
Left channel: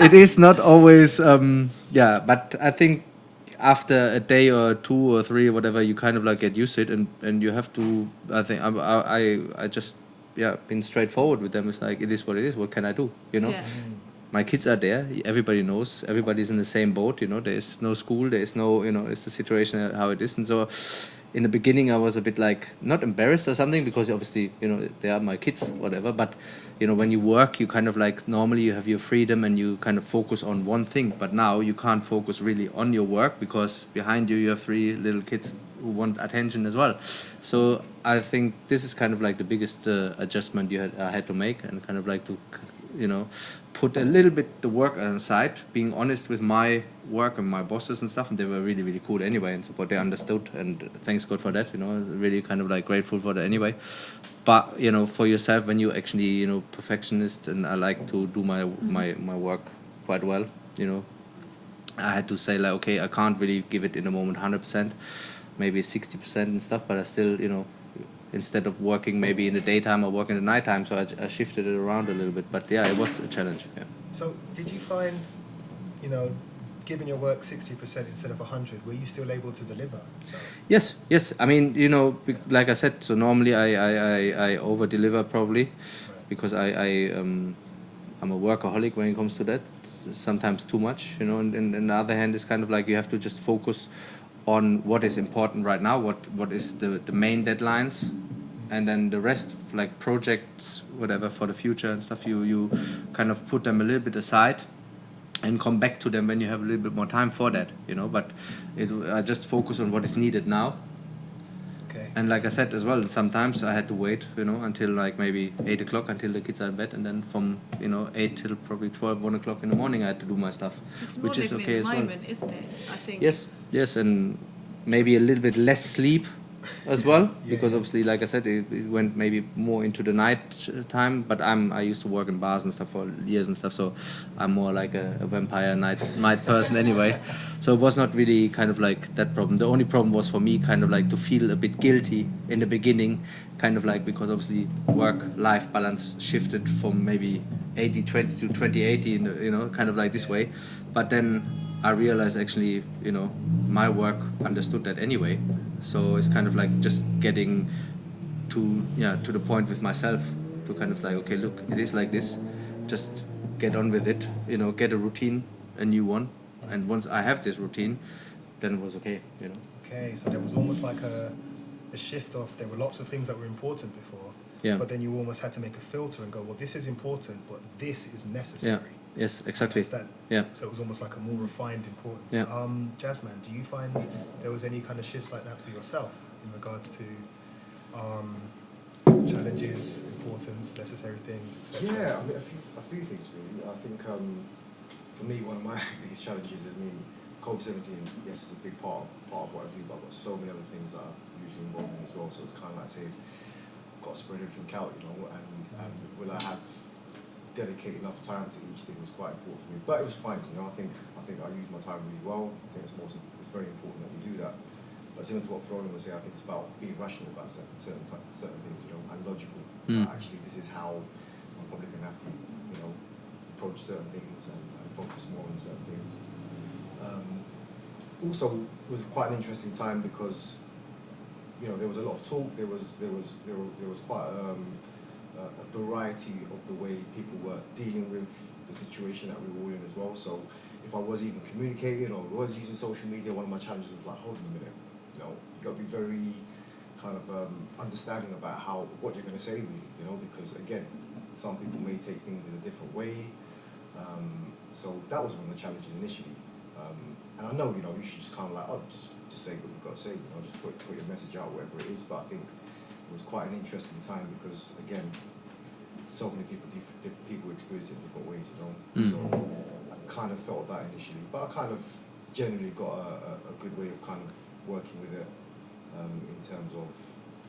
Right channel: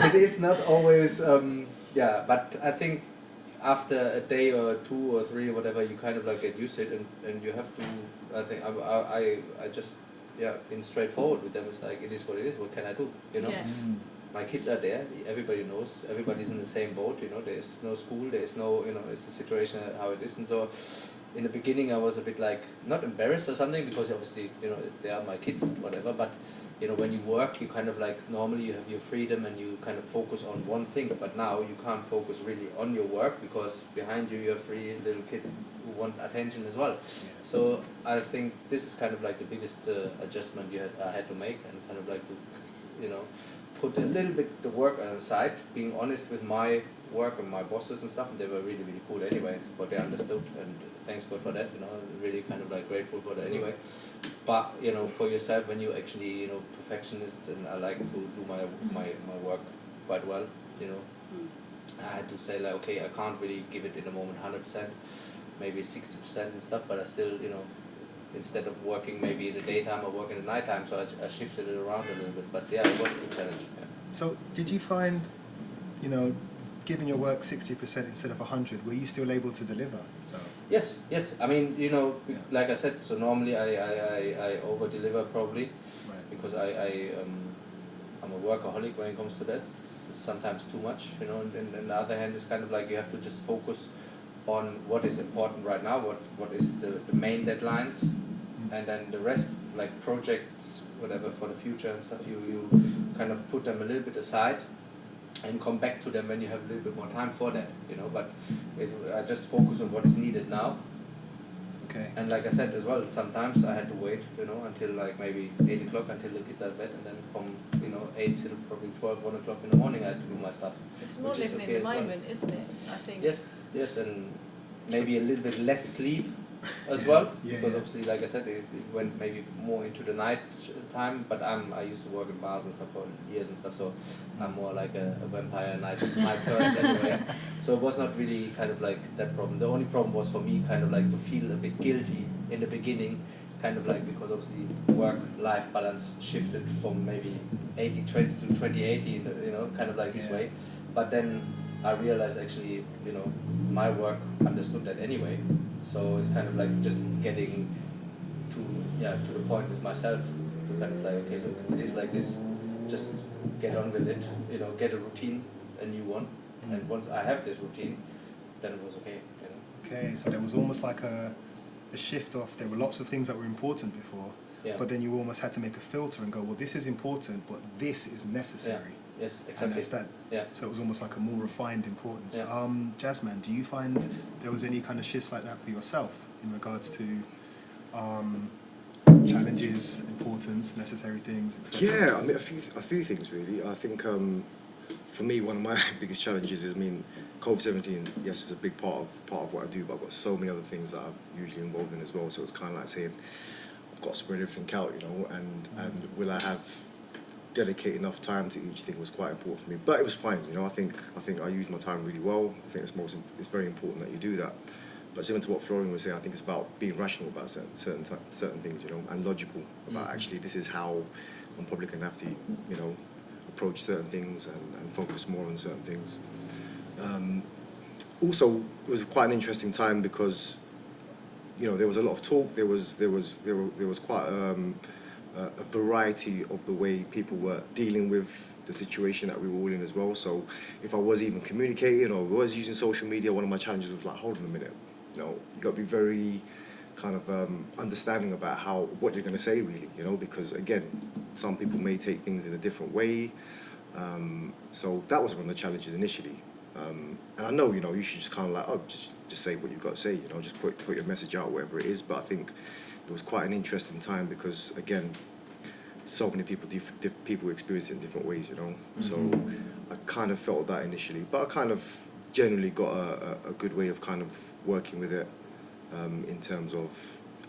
It is not always, but I think after a day or 2 or 3 or whatever, you kind of like get used to it, and you have to, I think, I just, been straightforward with them. It's like, it is what it is, what can I do, Yeah. My kids are there, everybody knows, everybody's in the same boat, there is no school, there is no, it's the situation how it is. And so in the beginning I was a bit like, not embarrassed or something, because obviously, they are my kids, whatever, but when you work, you kind of like, normally you have your freedom and you kind of focus on one thing, but now you can't focus really on your work, because behind you have 3 little kids who want attention as well. So I think this is kind of like the biggest adjustment I had to make, and kind of like to, put a little bit the work aside, being honest with my work and my bosses and stuff, and they were really, really cool anyway, and support. They understood, and thanks God for that, really kind of like grateful for that anyway. But, for yourself, when you actually, perfectionist, and I like to do my work quite well, I had to say like, okay, I can't really give it in the moment 100%, maybe 60% and stuff, but I still, instead of working maybe in the daytime, I work in the nighttime, so I shifted it around a little bit. But yeah, it was a challenge. Yeah. So did you find, giving your work 60% instead of 100, were you still able to deliver? So. Yes. I mean, like I said, so normally I over deliver probably, right, because I'm a workaholic when it comes to that. Sometimes too much, and on the other hand, it's kind of like you have to just focus on what is important right now, what is the main deadlines, and then the rest, like projects, whatever for the future and stuff, you kind of put them a little bit aside and come back to them when you have a little bit more time for that, but I just focus on what is needed now. Okay. And like I said as well, sometimes I had to wait, until like maybe 8 o'clock until the kids are in bed, and then from 8 till probably 12, 1 o'clock in the morning I had to do my stuff, it's more which is living okay in the as well. moment, isn't it? I think. Yes, and maybe a little bit less sleep as well, because yeah. Obviously, like I said, it went maybe more into the night time. But I used to work in bars and stuff for years and stuff, so I'm more like a vampire night person anyway. So it was not really kind of like that problem. The only problem was for me kind of like to feel a bit guilty in the beginning, kind of like, because obviously work-life balance shifted from maybe 80-20 to 20-80, kind of like this way. But then I realized actually, my work understood that anyway. So it's kind of like just getting to the point with myself to kind of like, okay, look, it is like this. Just get on with it, get a routine, a new one. And once I have this routine, then it was okay, Okay, so there was almost like a shift off. There were lots of things that were important before, but then you almost had to make a filter and go, well, this is important, but this is necessary. Yes, And exactly. that's that. Yeah. So it was almost like a more refined importance. Yeah. Jazzman, do you find there was any kind of shifts like that for yourself in regards to challenges, importance, necessary things, etc.? Yeah, I mean a few things really. I think for me one of my biggest challenges is, I mean, COVID-17, yes, it's a big part of what I do, but I've got so many other things that I'm usually involved in as well. So it's kind of like saying I've got to spread everything out, you know, and will I have dedicate enough time to each thing was quite important for me. But it was fine, you know. I think I used my time really well. I think it's very important that you do that. But similar to what Florian was saying, I think it's about being rational about certain things, you know, and logical. Actually, this is how I'm probably going to have to, you know, approach certain things and focus more on certain things. Also, it was quite an interesting time because, you know, there was a lot of talk. There was quite a variety of the way people were dealing with the situation that we were all in as well. So if I was even communicating or was using social media, one of my challenges was like, hold on a minute, you know, you got to be very kind of understanding about what you're going to say, really, you know, because again, some people may take things in a different way. So that was one of the challenges initially. And I know, you know, you should just kind of like, just say what you've got to say, you know, just put your message out, whatever it is. But I think it was quite an interesting time because, again, so many people experience it in different ways, you know. So I kind of felt that initially, but I kind of generally got a good way of kind of working with it in terms of,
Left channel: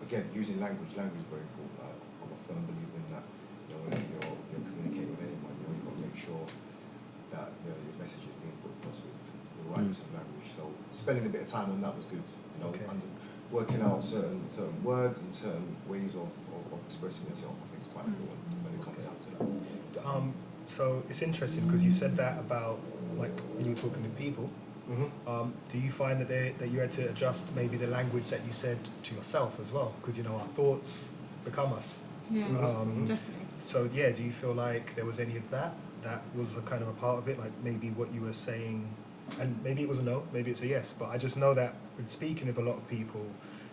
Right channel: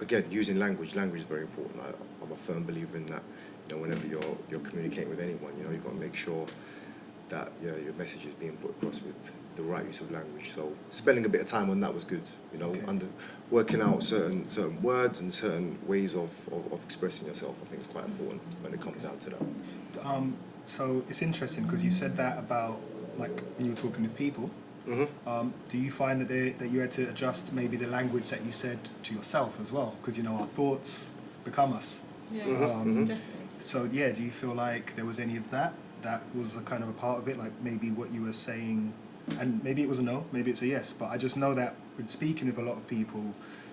again, using language. Language is very important. I'm a firm believer in that. You know, whenever you're communicating with anyone, you know, you've got to make sure that your message is being put across with the right use of language. So spending a bit of time on that was good, you know, working out certain words and certain ways of expressing yourself. I think is quite important when it comes down to that. So it's interesting because you said that about like when you were talking with people. Do you find that you had to adjust maybe the language that you said to yourself as well? Because, you know, our thoughts become us. Yeah, definitely. So yeah, do you feel like there was any of that was a kind of a part of it, like maybe what you were saying, and maybe it was a no, maybe it's a yes, but I just know that with speaking with a lot of people,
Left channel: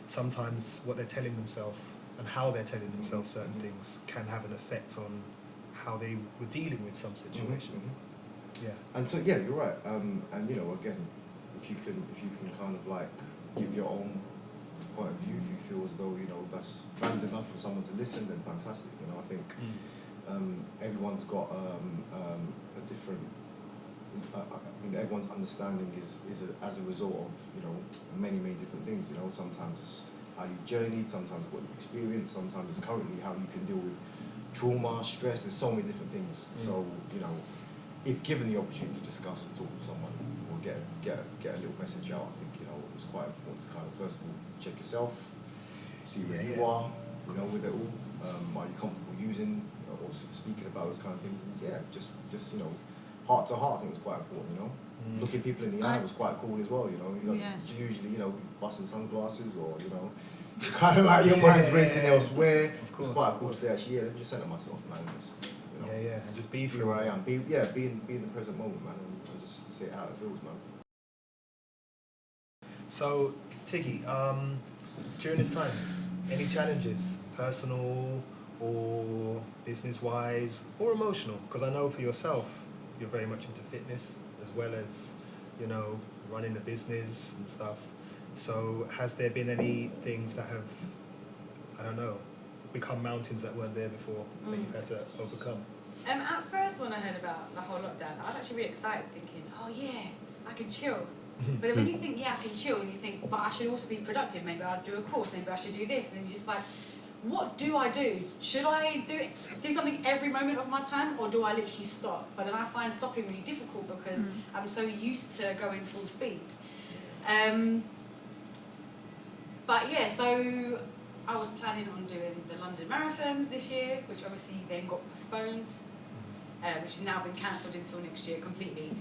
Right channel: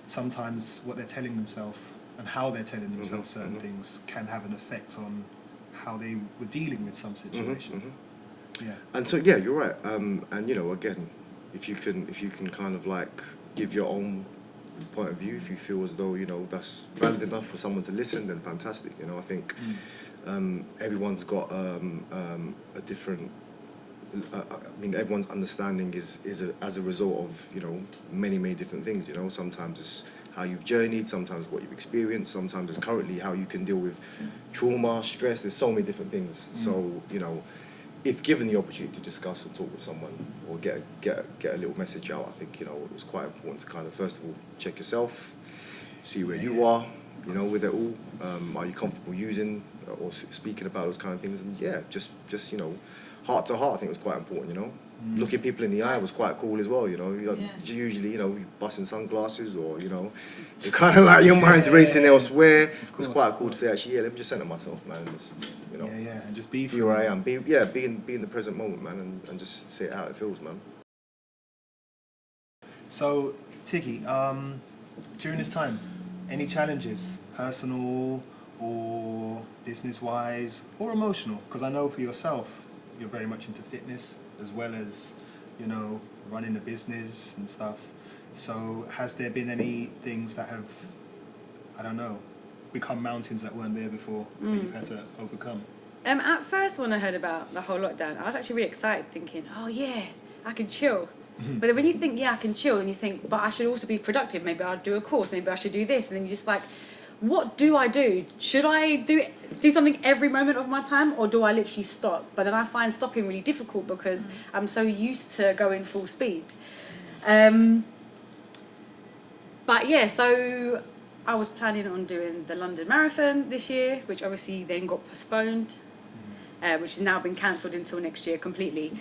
sometimes what they're telling themselves and how they're telling themselves certain things can have an effect on how they were dealing with some situations. Yeah. And so yeah, you're right. And you know, again, if you can kind of like give your own point of view, if you feel as though, you know, that's valid enough for someone to listen, then fantastic. You know, I think everyone's got a different. I mean, everyone's understanding is as a result of, you know, many different things. You know, sometimes it's how you've journeyed, sometimes what you've experienced, sometimes it's currently how you can deal with trauma, stress. There's so many different things. So, you know, if given the opportunity to discuss and talk with someone or get a little message out, I think, you know, it was quite important to kind of first of all check yourself, see where you are, you know, with it all. Are you comfortable using or speaking about those kind of things? And yeah, just you know, heart to heart, I think was quite important. You know, looking people in the eye was quite cool as well. You know, usually, you know, you busting sunglasses or, you know, you're kind of like your mind's racing elsewhere. It's quite cool to say, actually, let me just center myself, man. Just, you know, and just be where I am. Be in the present moment, man, and just say it how it feels, man. So, Tiggy, during this time, any challenges, personal or business-wise or emotional? Because I know for yourself, you're very much into fitness as well as, you know, running a business and stuff. So has there been any things that have, I don't know, become mountains that weren't there before that you've had to overcome? At first, when I heard about the whole lockdown, I was actually really excited, thinking, oh yeah, I can chill. But then when you think, yeah, I can chill, and you think, but I should also be productive, maybe I'll do a course, maybe I should do this, and then you're just like, what do I do? Should I do something every moment of my time, or do I literally stop? But then I find stopping really difficult because I'm so used to going full speed. But yeah, so I was planning on doing the London Marathon this year, which obviously then got postponed, which has now been cancelled until next year completely.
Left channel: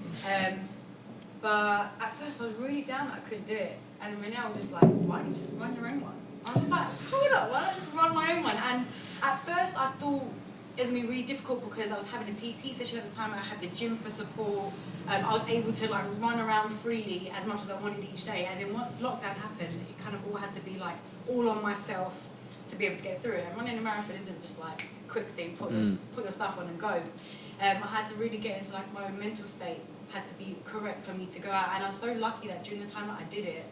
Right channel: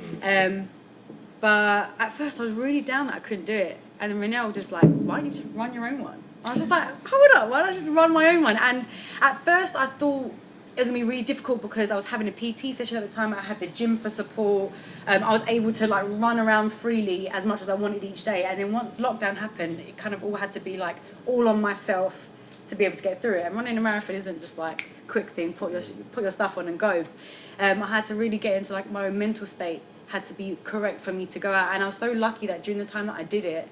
But at first I was really down that I couldn't do it. And then Renell was just like, why don't you run your own one? I was just like, hold up, why don't I just run my own one? And at first I thought it was gonna be really difficult because I was having a PT session at the time. I had the gym for support. I was able to like run around freely as much as I wanted each day. And then once lockdown happened, it kind of all had to be like all on myself to be able to get through it. And running a marathon isn't just like quick thing, put your stuff on and go. I had to really get into like my own mental state had to be correct for me to go out, and I was so lucky that during the time that I did it,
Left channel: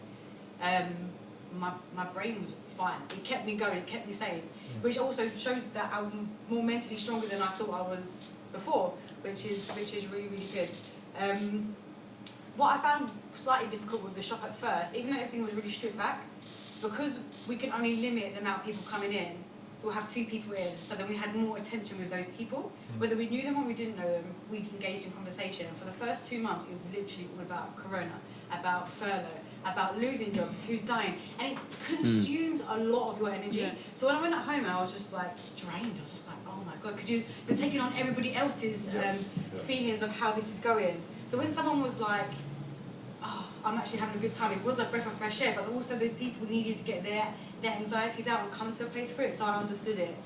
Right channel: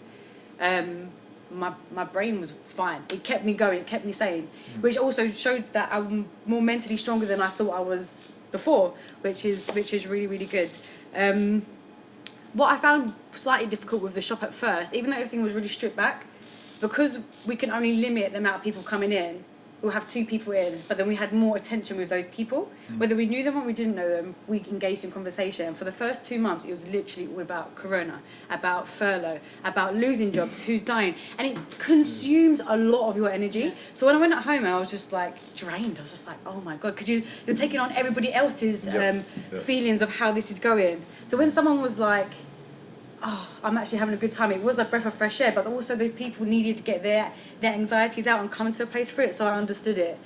my brain was fine. It kept me going, it kept me sane, which also showed that I'm more mentally stronger than I thought I was before, which is really, really good. What I found slightly difficult with the shop at first, even though everything was really stripped back, because we can only limit the amount of people coming in, we'll have 2 people in, but then we had more attention with those people. Whether we knew them or we didn't know them, we engaged in conversation. For the first 2 months, it was literally all about corona, about furlough, about losing jobs, who's dying. And it consumes a lot of your energy. Yeah. So when I went at home, I was just like drained. I was just like, oh my God, because you're taking on everybody else's feelings of how this is going. So when someone was like, oh, I'm actually having a good time, it was a breath of fresh air, but also those people needed to get their anxieties out and come to a place for it, so I understood it.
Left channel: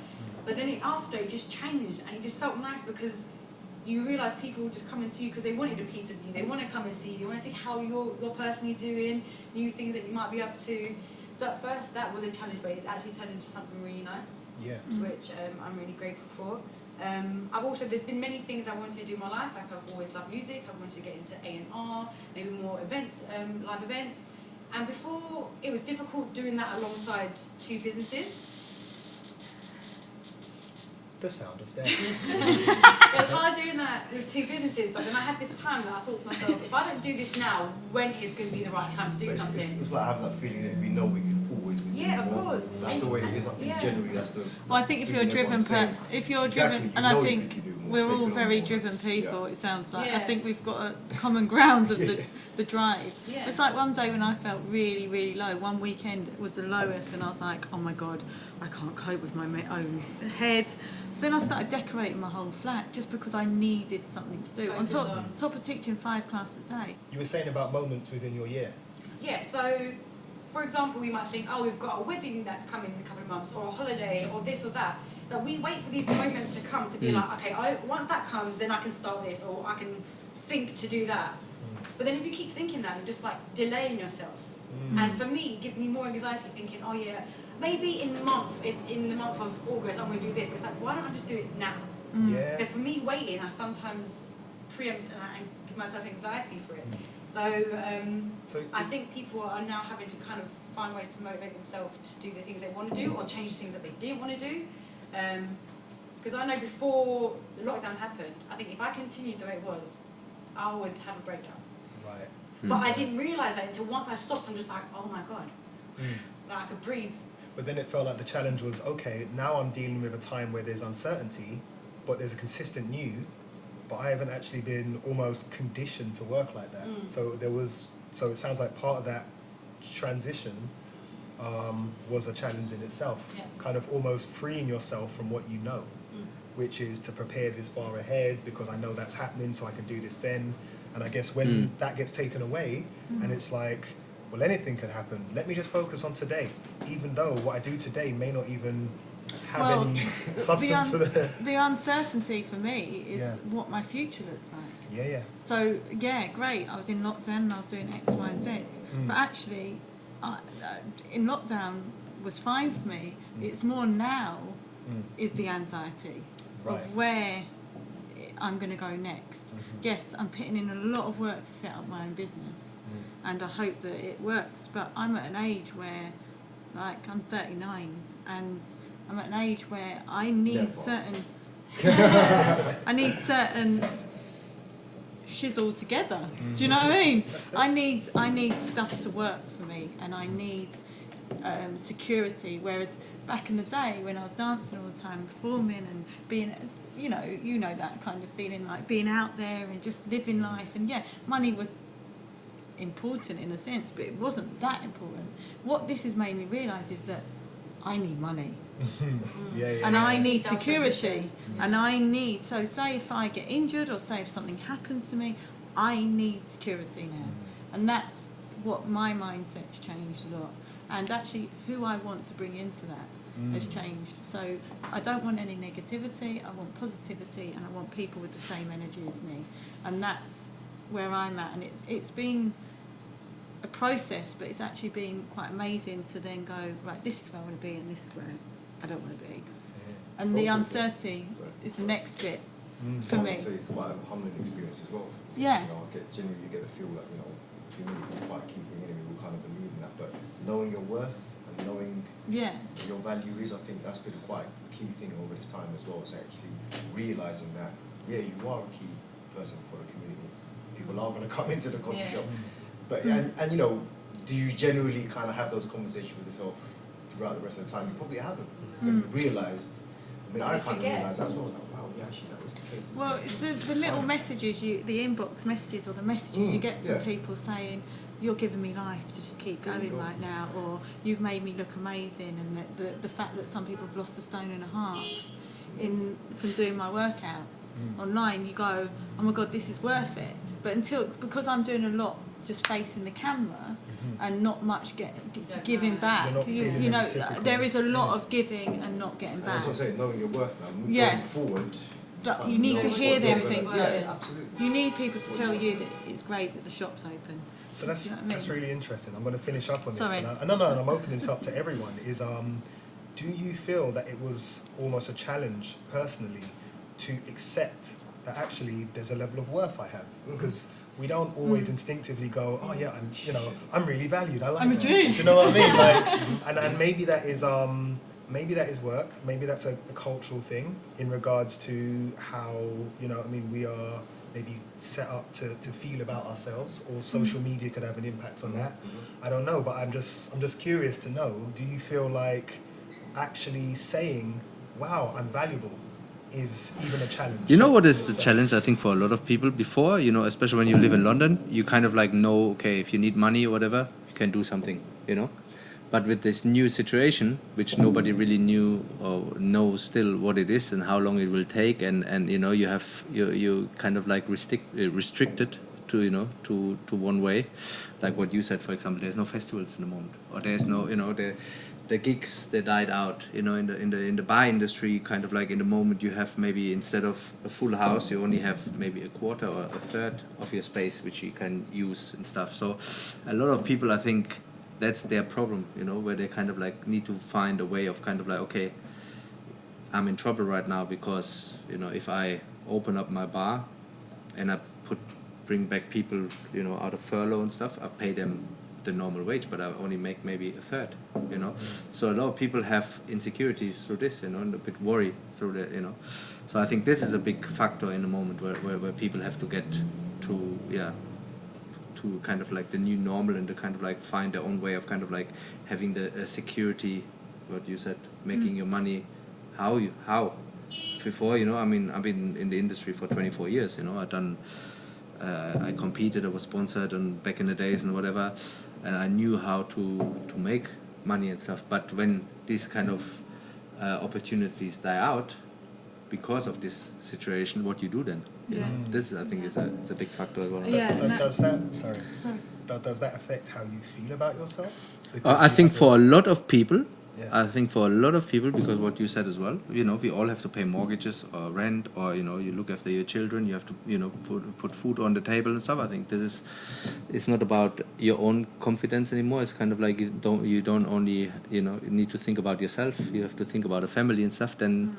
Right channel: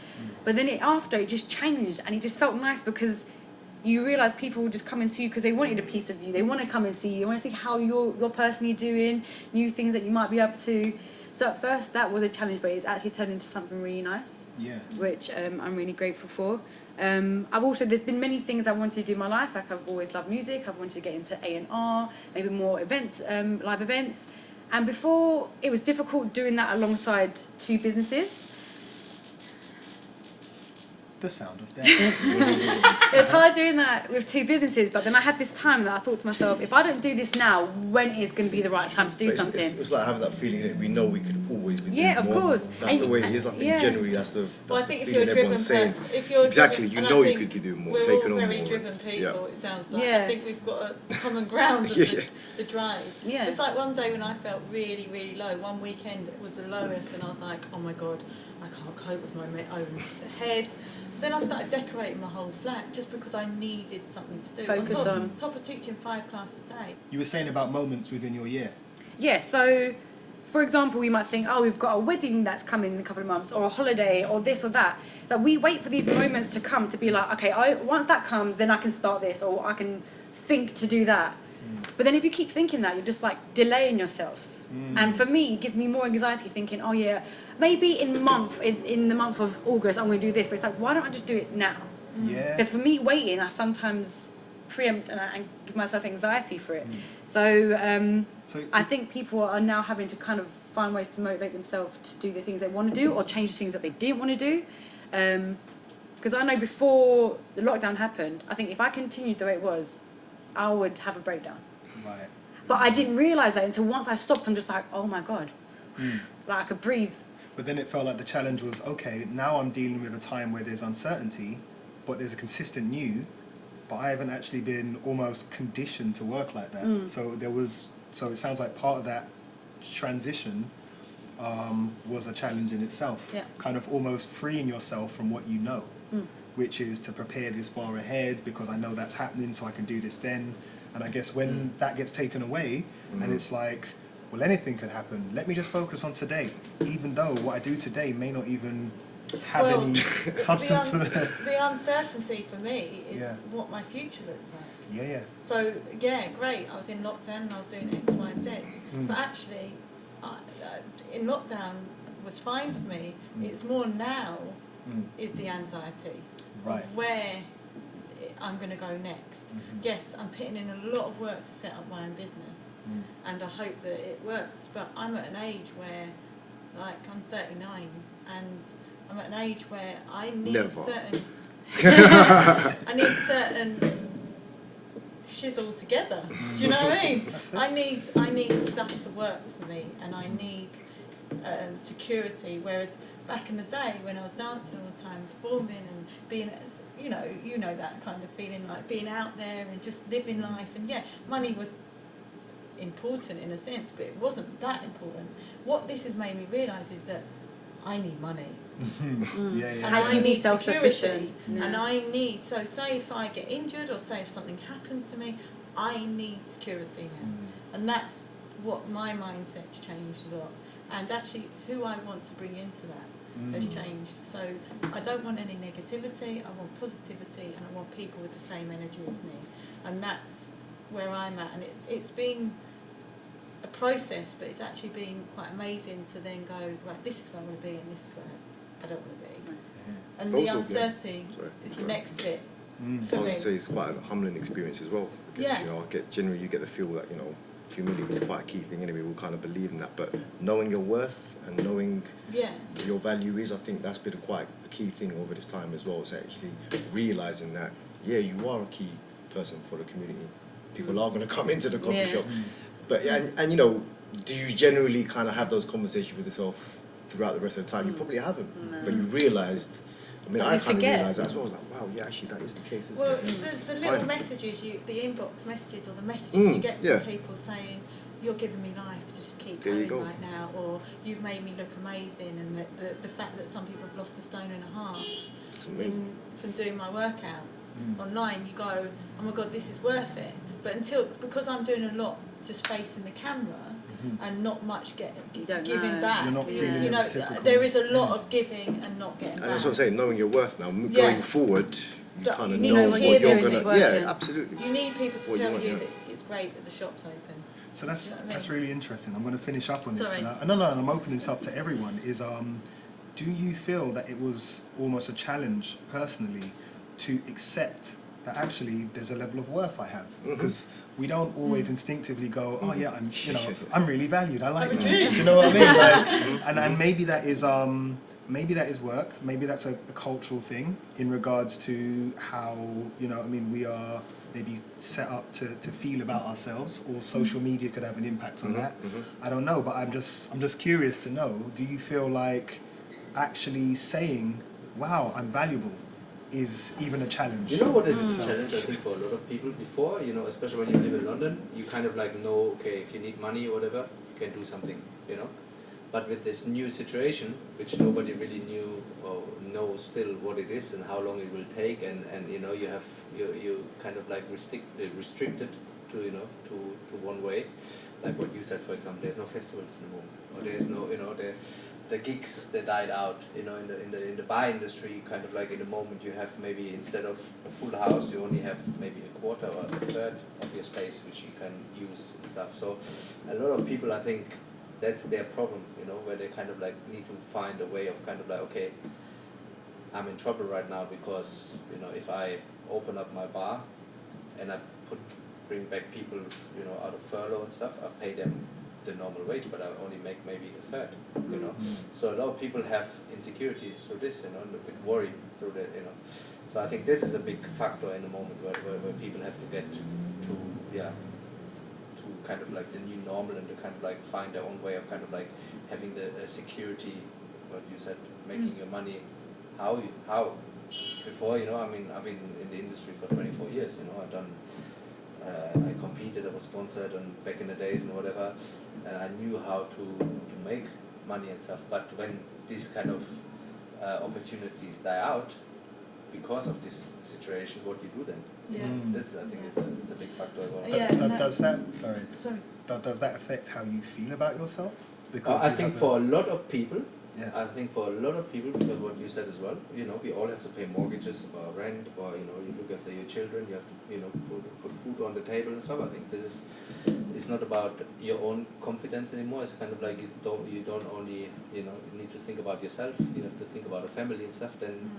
But then after, it just changed, and it just felt nice because you realise people were just coming to you because they wanted a piece of you, they want to come and see you, they want to see how you're personally doing, new things that you might be up to. So at first that was a challenge, but it's actually turned into something really nice, which I'm really grateful for. There's been many things I wanted to do in my life. Like I've always loved music. I've wanted to get into A&R, maybe more events, live events. And before, it was difficult doing that alongside 2 businesses. The sound of death. It was hard doing that with 2 businesses, but then I had this time that I thought to myself, if I don't do this now, when is going to be the right time to do something? It's like having that feeling that we know we could always be doing of more. course. That's the way it is. I think generally that's the. Well, I think if you're driven, exactly, you and know I think you could do more. We're all very driven people. It sounds like. Yeah. I think we've got a common ground of the drive. Yeah. It's like one day when I felt really, really low. One weekend was the lowest, and I was like, oh my God, I can't cope with my own head. So then I started decorating my whole flat just because I needed something to do. Focus on top of teaching 5 classes a day. You were saying about moments within your year. Yeah, so for example, we might think, oh, we've got a wedding that's coming in a couple of months, or a holiday, or this or that. That we wait for these moments to come to be like, okay, once that comes, then I can start this, or I can think to do that. But then if you keep thinking that, you're just like delaying yourself. And for me, it gives me more anxiety thinking, oh yeah, maybe in the month of August I'm going to do this, but it's like, why don't I just do it now? Yeah. Because for me, waiting, I sometimes preempt and I give myself anxiety for it. So I think people are now having to kind of find ways to motivate themselves to do the things they want to do, or change things that they didn't want to do. Because I know before the lockdown happened, I think if I continued the way it was, I would have a breakdown. Right. But I didn't realise that until once I stopped. I'm just like, oh my God, like I could breathe. But then it felt like the challenge was, okay, now I'm dealing with a time where there's uncertainty, but there's a consistent new, but I haven't actually been almost conditioned to work like that. So it sounds like part of that transition was a challenge in itself. Yeah. Kind of almost freeing yourself from what you know, which is to prepare this far ahead because I know that's happening, so I can do this then. And I guess when that gets taken away, and it's like, well, anything could happen. Let me just focus on today, even though what I do today may not even have any substance for the... The uncertainty for me is what my future looks like. Yeah. So, great. I was in lockdown and I was doing X, Y, and Z. But actually, in lockdown was fine for me. It's more now is the anxiety of where I'm going to go next. Yes, I'm putting in a lot of work to set up my own business, and I hope that it works. But I'm at an age where, like, I'm 39, and I'm at an age where I need certain... I need certain shizzle together. Do you know what I mean? I need stuff to work for me, and I need security. Whereas back in the day when I was dancing all the time, performing and being, you know that kind of feeling, like being out there and just living life. And money was important in a sense, but it wasn't that important. What this has made me realise is that I need money. And I need security. And I need, so say if I get injured or say if something happens to me, I need security now. And that's what my mindset's changed a lot. And actually who I want to bring into that has changed. So I don't want any negativity, I want positivity, and I want people with the same energy as me. And that's where I'm at. And it's been a process, but it's actually been quite amazing to then go, right, this is where I want to be and this is where I don't want to be. And the Also, uncertainty is the next bit for I me. would say it's quite a humbling experience as well. Yeah. You know, generally you get the feel that, you know, humility is quite a key thing anyway. We kind of believe in that, but knowing your worth and knowing Yeah. what your value is, I think that's been quite a key thing over this time as well. Is actually realizing that, yeah, you are a key person for the community. People are going to come into the coffee Yeah. shop, but and you know, do you generally kind of have those conversations with yourself throughout the rest of the time? You probably haven't, but you realised. I mean, But I you kind of forget. realised that as well. I was like, wow, yeah, actually, that is the case. Isn't Well, it? it's the little Fine. messages, the inbox messages or the messages you get from yeah. people saying, you're giving me life to just keep There you going go. right now, or you've made me look amazing, and the fact that some people have lost a stone and a half from doing my workouts. Online you go, oh my god, this is worth it. But because I'm doing a lot just facing the camera and not much don't giving know. back, You're not feeling you know, reciprocal. there is a lot of giving and not getting And back. that's what I'm saying. Knowing your worth now, Yeah. going forward, But kind you of need know to what hear you're them gonna. things. Yeah, absolutely. You need people to What you tell want, you yeah. that it's great that the shop's open. So that's Do you know what I mean? that's really interesting. I'm going to finish up on this. Sorry. And no, and I'm opening this up to everyone. Is do you feel that it was almost a challenge personally to accept that actually there's a level of worth I have? Because we don't always instinctively go, oh yeah, I'm really valued. I like I'm a that. Jew. Do you know what I mean? Like, and maybe that is maybe that is work. Maybe that's a cultural thing in regards to how we are maybe set up to feel about ourselves, or social media could have an impact on that. I don't know, but I'm just curious to know, do you feel like actually saying, wow, I'm valuable, is even a challenge? You know what is the challenge, I think, for a lot of people before, especially when you live in London, you kind of like know, okay, if you need money or whatever, you can do something, But with this new situation, which nobody really knew or knows still what it is and how long it will take, and you kind of like restricted to one way, like what you said, for example. There's no festivals in the moment, or there's no the gigs, they died out. In the bar industry, kind of like in the moment you have maybe, instead of a full house, you only have maybe a quarter or a third of your space which you can use and stuff. So a lot of people, I think, that's their problem, where they kind of like need to find a way of kind of like, okay, I'm in trouble right now because, if I open up my bar and I bring back people, out of furlough and stuff, I pay them the normal wage, but I only make maybe a third, So a lot of people have insecurities through this, and a bit worry through that, So I think this is a big factor in the moment where people have to get to kind of like the new normal, and to kind of like find their own way of kind of like having the security, what you said, making your money. How before, I've been in the industry for 24 years, I competed, I was sponsored, and back in the days and whatever, and I knew how to make money and stuff. But when these kind of opportunities die out because of this situation, what you do then? This I think is a big factor as well. Yeah, and Does Sorry. does that affect how you feel about yourself? I you think have for a lot of people, Yeah. because what you said as well, we all have to pay mortgages or rent, or you look after your children, you have to put food on the table and stuff. I think it's not about your own confidence anymore. It's kind of like you don't only you need to think about yourself. You have to think about a family and stuff. Then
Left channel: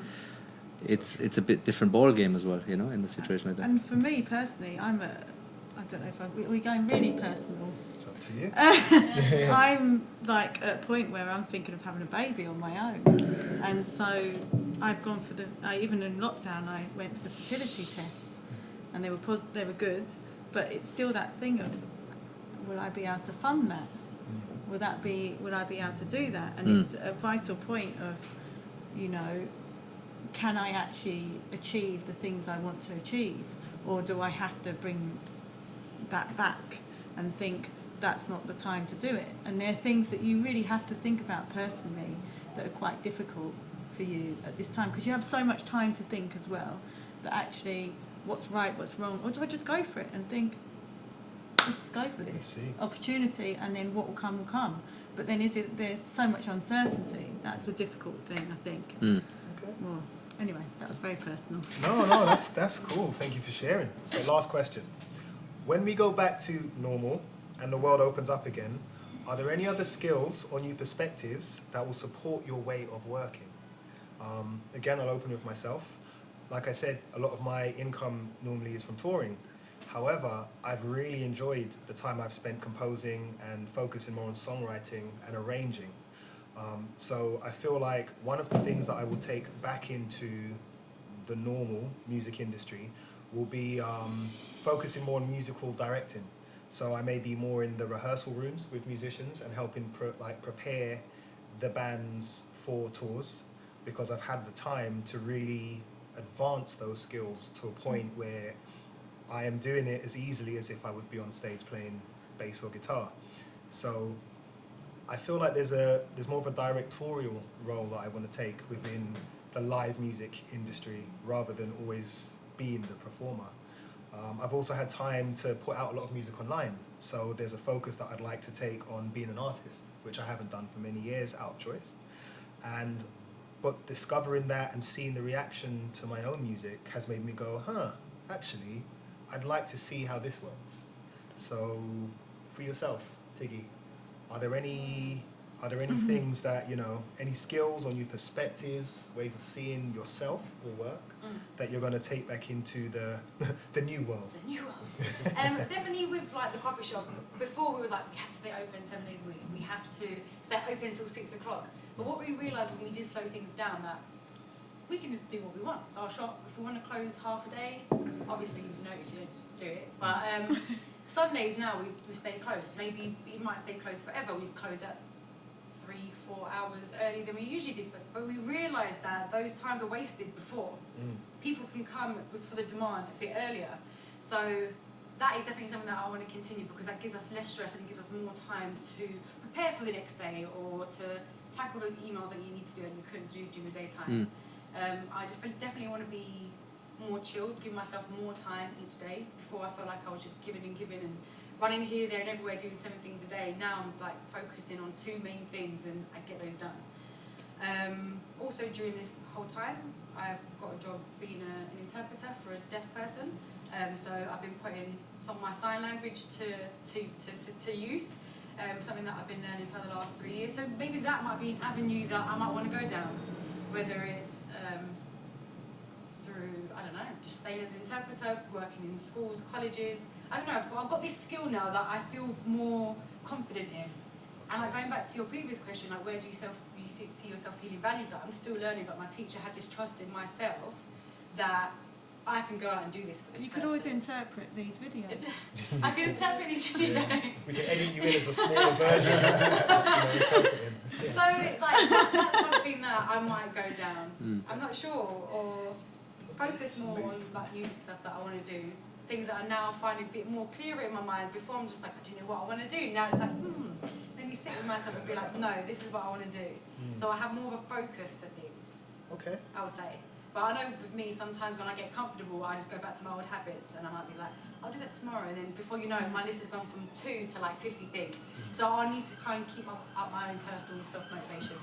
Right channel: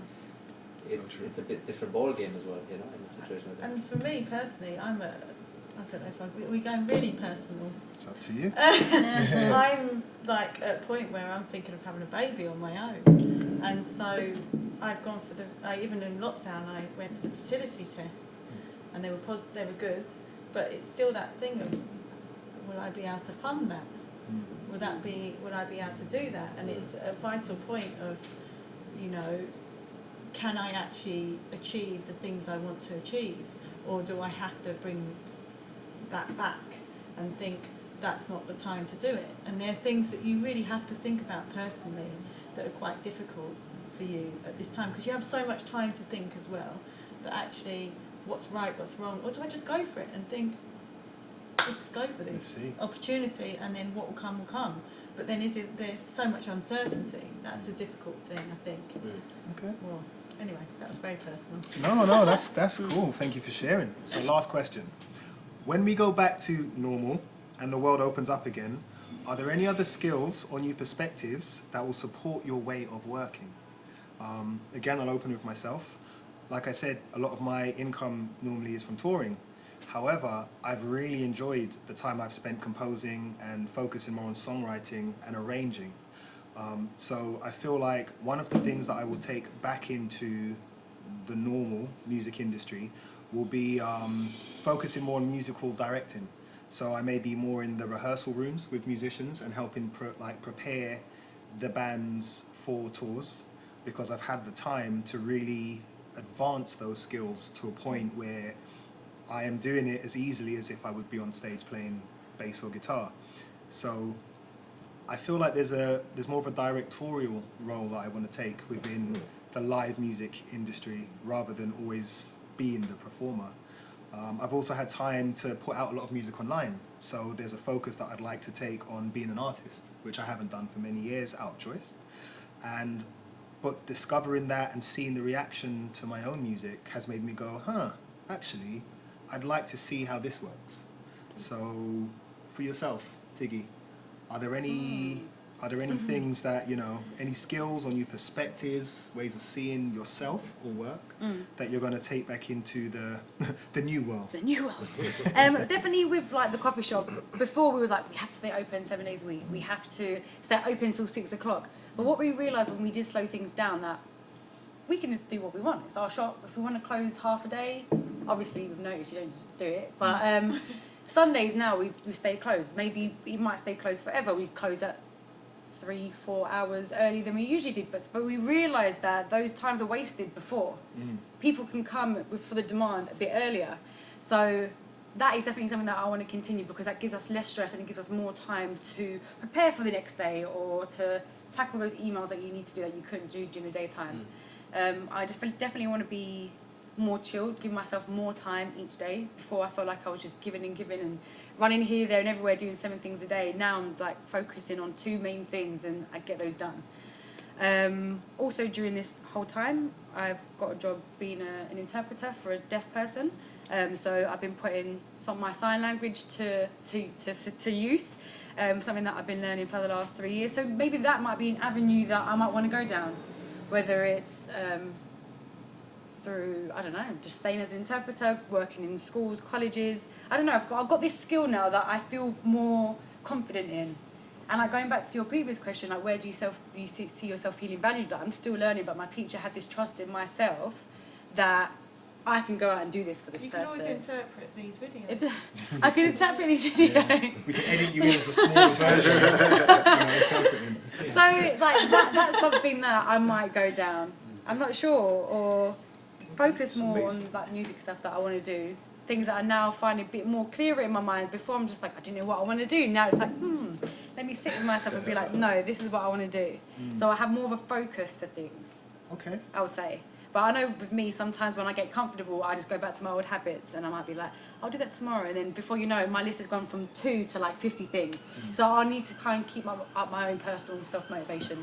it's a bit different ball game as well, in a situation like that. And for me personally, I don't know if we're going really personal. It's up to you. I'm like at a point where I'm thinking of having a baby on my own, and so I've gone for even in lockdown I went for the fertility tests, and they were good, but it's still that thing of, will I be able to fund that? Would I be able to do that? And it's a vital point of, can I actually achieve the things I want to achieve, or do I have to bring that back and think that's not the time to do it? And there are things that you really have to think about personally that are quite difficult for you at this time, because you have so much time to think as well, that actually what's right, what's wrong, or do I just go for it and think, let's go for this opportunity, and then what will come. But then there's so much uncertainty. That's the difficult thing, I think. Okay. Well, anyway, that was very personal. No, that's cool. Thank you for sharing. So last question. When we go back to normal and the world opens up again, are there any other skills or new perspectives that will support your way of working? Again, I'll open with myself. Like I said, a lot of my income normally is from touring. However, I've really enjoyed the time I've spent composing and focusing more on songwriting and arranging. So I feel like one of the things that I will take back into the normal music industry will be focusing more on musical directing. So I may be more in the rehearsal rooms with musicians and helping prepare the bands for tours, because I've had the time to really advance those skills to a point where I am doing it as easily as if I would be on stage playing bass or guitar. So I feel like there's more of a directorial role that I want to take within the live music industry rather than always being the performer. I've also had time to put out a lot of music online, so there's a focus that I'd like to take on being an artist, which I haven't done for many years out of choice. But discovering that and seeing the reaction to my own music has made me go, actually, I'd like to see how this works. So for yourself, Tiggy, are there any things that, any skills or new perspectives, ways of seeing yourself or work that you're going to take back into the new world? The new world. Definitely with like the coffee shop. Before we was like, we have to stay open 7 days a week. We have to stay open till 6 o'clock. But what we realised when we did slow things down, that we can just do what we want. It's our shop. If we want to close half a day, obviously you've noticed you don't just do it. But Sundays now we stay closed. Maybe it might stay closed forever. We close at 3-4 hours earlier than we usually did, but we realised that those times are wasted before. People can come for the demand a bit earlier. So that is definitely something that I want to continue, because that gives us less stress and it gives us more time to prepare for the next day or to tackle those emails that you need to do that you couldn't do during the daytime. I definitely want to be more chilled, give myself more time each day. Before I felt like I was just giving and running here, there and everywhere, doing 7 things a day. Now I'm like focusing on 2 main things and I get those done. Also during this whole time, I've got a job being an interpreter for a deaf person. So I've been putting my sign language to use. Something that I've been learning for the last 3 years. So maybe that might be an avenue that I might want to go down, whether it's through, I don't know, just staying as an interpreter, working in schools, colleges. I don't know, I've got this skill now that I feel more confident in. And like going back to your previous question, like where do you see yourself feeling valued? Like, I'm still learning, but my teacher had this trust in myself that I can go out and do this for this person. You could always interpret these videos. I can interpret these videos. We can edit you in as a smaller version, interpreting. So like that's something that I might go down. I'm not sure, or focus more on like music stuff that I want to do. Things that I now find a bit more clearer in my mind. Before I'm just like, I didn't know what I want to do. Now it's like, let me sit with myself and be like, no, this is what I want to do. So I have more of a focus for things. Okay. I would say. But I know with me, sometimes when I get comfortable, I just go back to my old habits and I might be like, I'll do that tomorrow. And then before you know, my list has gone from 2 to like 50 things. So I need to kind of keep up my own personal self-motivation.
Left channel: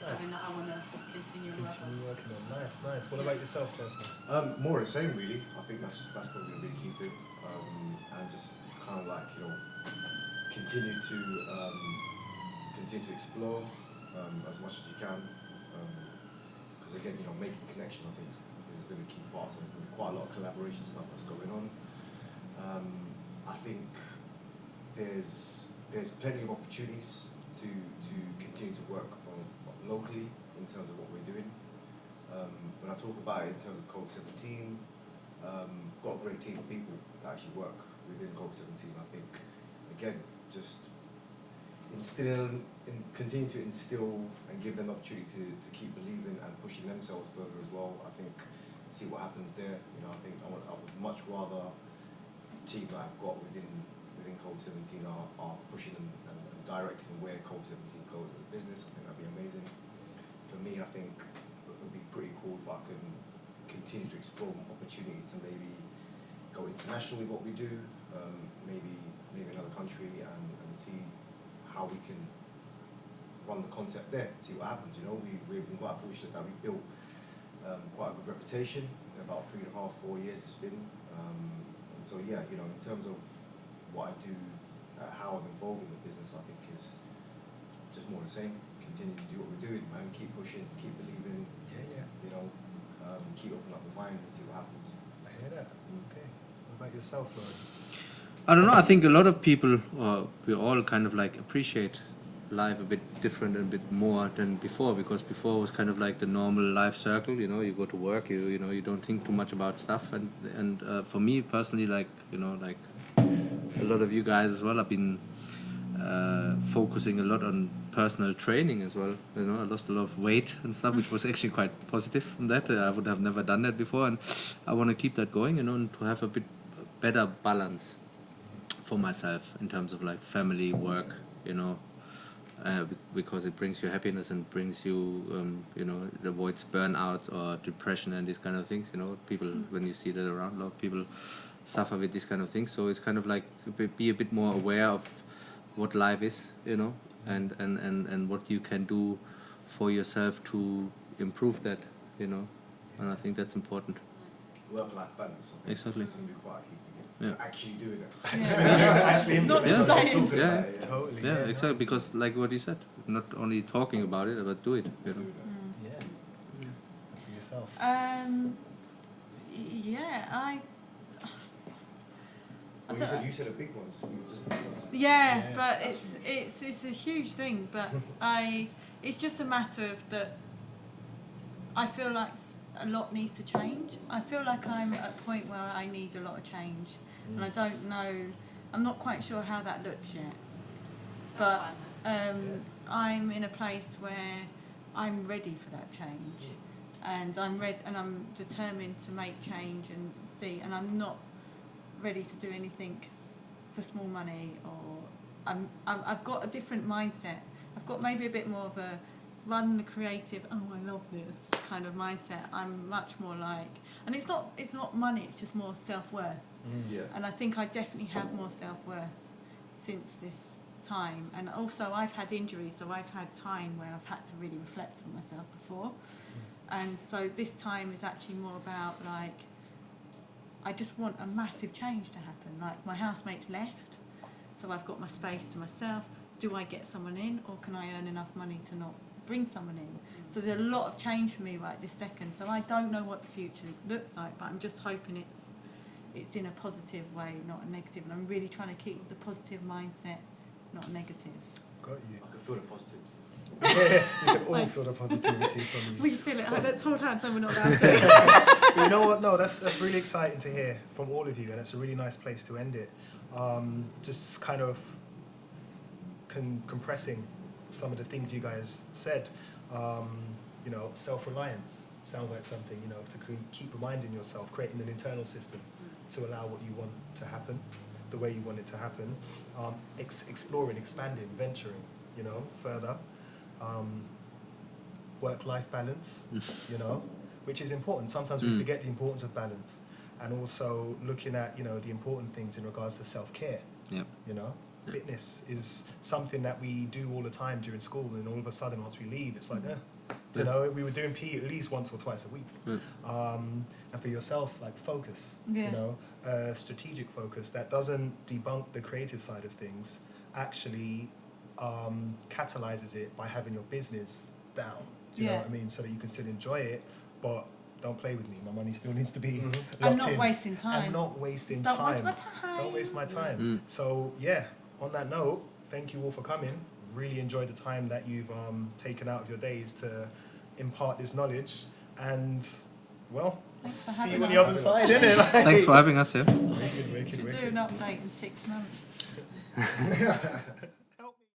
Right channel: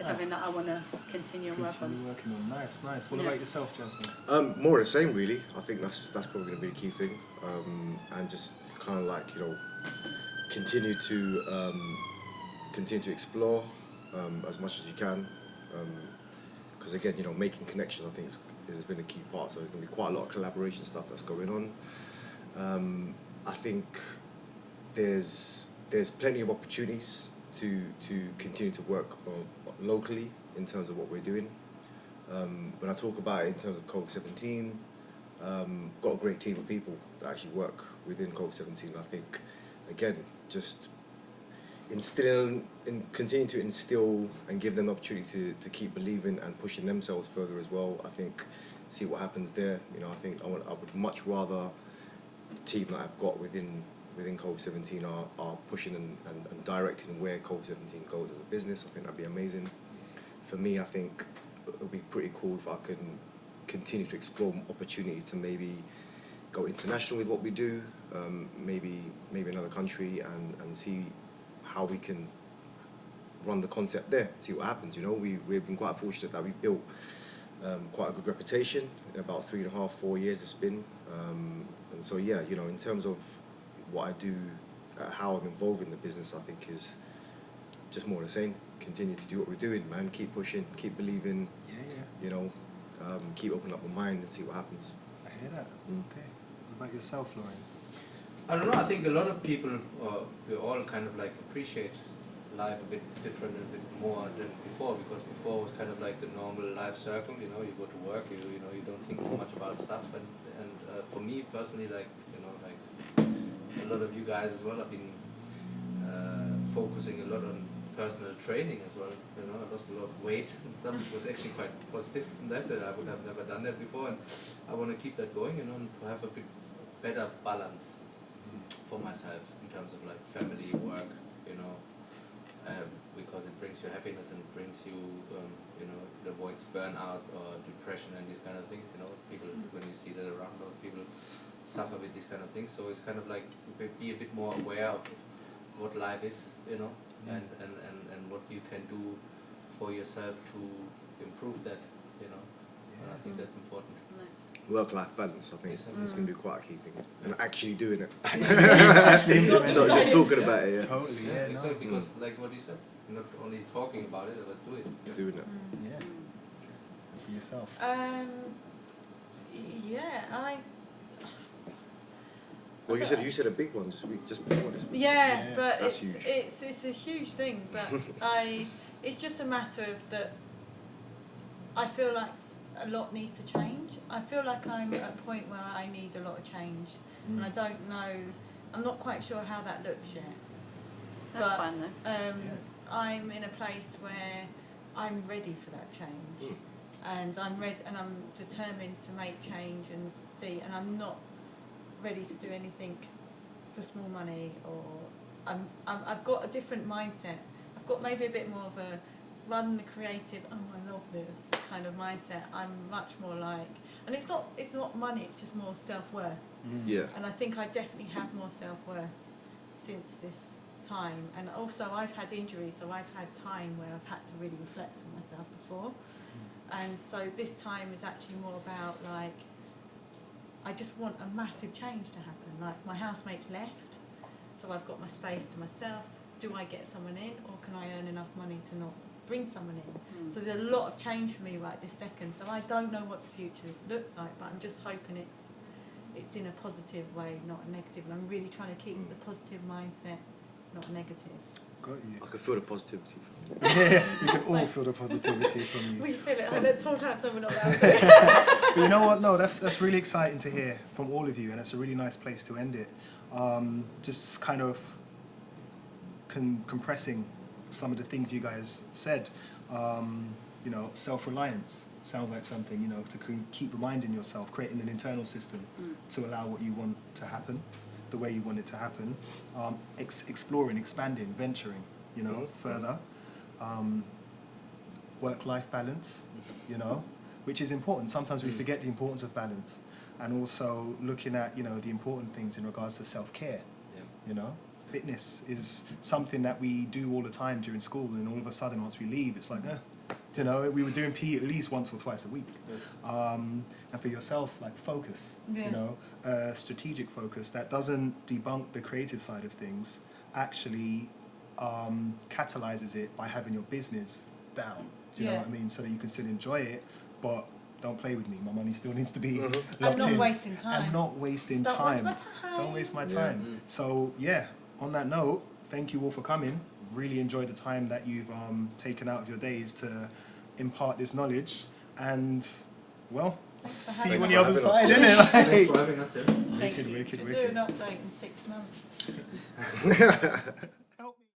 It's something that I want to continue and work on. Working on. Nice. What about yourself, Jazzman? More of the same, really. I think that's probably going to be the key thing. And just kind of like, continue to explore as much as you can. Because again, making connections, I think has been a key part. So there's going to be quite a lot of collaboration stuff that's going on. I think there's plenty of opportunities to continue to work locally in terms of what we're doing. When I talk about it in terms of COVID-17, got a great team of people that actually work within COVID-17. I think, again, just continue to instill and give them the opportunity to keep believing and pushing themselves further as well. I think, see what happens there. I think I would much rather the team that I've got within COVID-17 are pushing and directing where COVID-17 goes as a business. I think that'd be amazing. For me, I think it would be pretty cool if I can continue to explore opportunities to maybe go international with what we do, maybe another country and see how we can run the concept there, see what happens. We've been quite fortunate that we've built quite a good reputation in about 3.5-4 years it's been. And so yeah, in terms of what I do, how I'm involved in the business, I think is just more the same. Continue to do what we're doing, man. Keep pushing, keep believing. Yeah. You know, keep opening up the mind and see what happens. I hear that. Okay. What about yourself, Florian? I don't know. I think a lot of people, we all kind of like appreciate life a bit different and a bit more than before, because before it was kind of like the normal life circle. You know, you go to work, you know, you don't think too much about stuff. And for me personally, like, you know, like a lot of you guys as well, I've been focusing a lot on personal training as well. You know, I lost a lot of weight and stuff, which was actually quite positive in that. I would have never done that before, and I want to keep that going, you know, and to have a bit better balance for myself in terms of like family, work, you know, because it brings you happiness and brings you, you know, it avoids burnout or depression and these kind of things. You know, people, when you see that around, a lot of people suffer with these kind of things. So it's kind of like be a bit more aware of what life is, you know, and what you can do for yourself to improve that, you know, and I think that's important. Work-life balance, I think, Exactly. is going to be quite a key thing. Yeah. And actually doing it. Actually Not just Not just saying. talking about it. Totally. Yeah, no, exactly, because like what you said, not only talking about it, but do it. Yeah. Doing it. Yeah. And for yourself. Yeah, Well, you said a big one. Just be honest. Yeah, Yeah, but that's it's a huge thing. But it's just a matter of that. I feel like a lot needs to change. I feel like I'm at a point where I need a lot of change, and I don't know. I'm not quite sure how that looks yet. That's But, fine though. I'm in a place where I'm ready for that change, and I'm determined to make change and see. And I'm not ready to do anything for small money, or I've got a different mindset. I've got maybe a bit more of a rather than the creative, oh I love this kind of mindset. I'm much more like, and it's not money, it's just more self-worth. Yeah. And I think I definitely have more self-worth since this time. And also I've had injuries, so I've had time where I've had to really reflect on myself before. And so this time is actually more about like, I just want a massive change to happen. Like my housemate's left, so I've got my space to myself. Do I get someone in, or can I earn enough money to not bring someone in? So there's a lot of change for me right this second. So I don't know what the future looks like, but I'm just hoping it's in a positive way, not a negative. And I'm really trying to keep the positive mindset, not a negative. Got you. I can feel the positivity. Yeah, we can all Thanks. feel the positivity from you. We feel it. Let's hold hands. We're not allowed to. But you know what? No, that's really exciting to hear from all of you, and it's a really nice place to end it. Just kind of compressing some of the things you guys said. You know, self-reliance sounds like something, you know, to keep reminding yourself, creating an internal system to allow what you want to happen, the way you want it to happen. Exploring, expanding, venturing, you know, further. Work-life balance, you know, which is important. Sometimes we forget the importance of balance, and also looking at, you know, the important things in regards to self-care. Yeah. You know, fitness is something that we do all the time during school, and all of a sudden once we leave, it's like, you know, we were doing PE at least once or twice a week. And for yourself, like focus, you know, strategic focus that doesn't debunk the creative side of things, actually catalyzes it by having your business down. Do you know what I mean? So that you can still enjoy it, but don't play with me. My money still needs to be locked I'm not in. wasting time. I'm not wasting Don't time. waste my time. Don't waste my time. So yeah, on that note, thank you all for coming. Really enjoyed the time that you've taken out of your days to impart this knowledge. And well, Thanks for see you having on the us. other side, innit? Like, Thanks for having us here. Thank you. wicked, Should do wicked. an update in 6 months.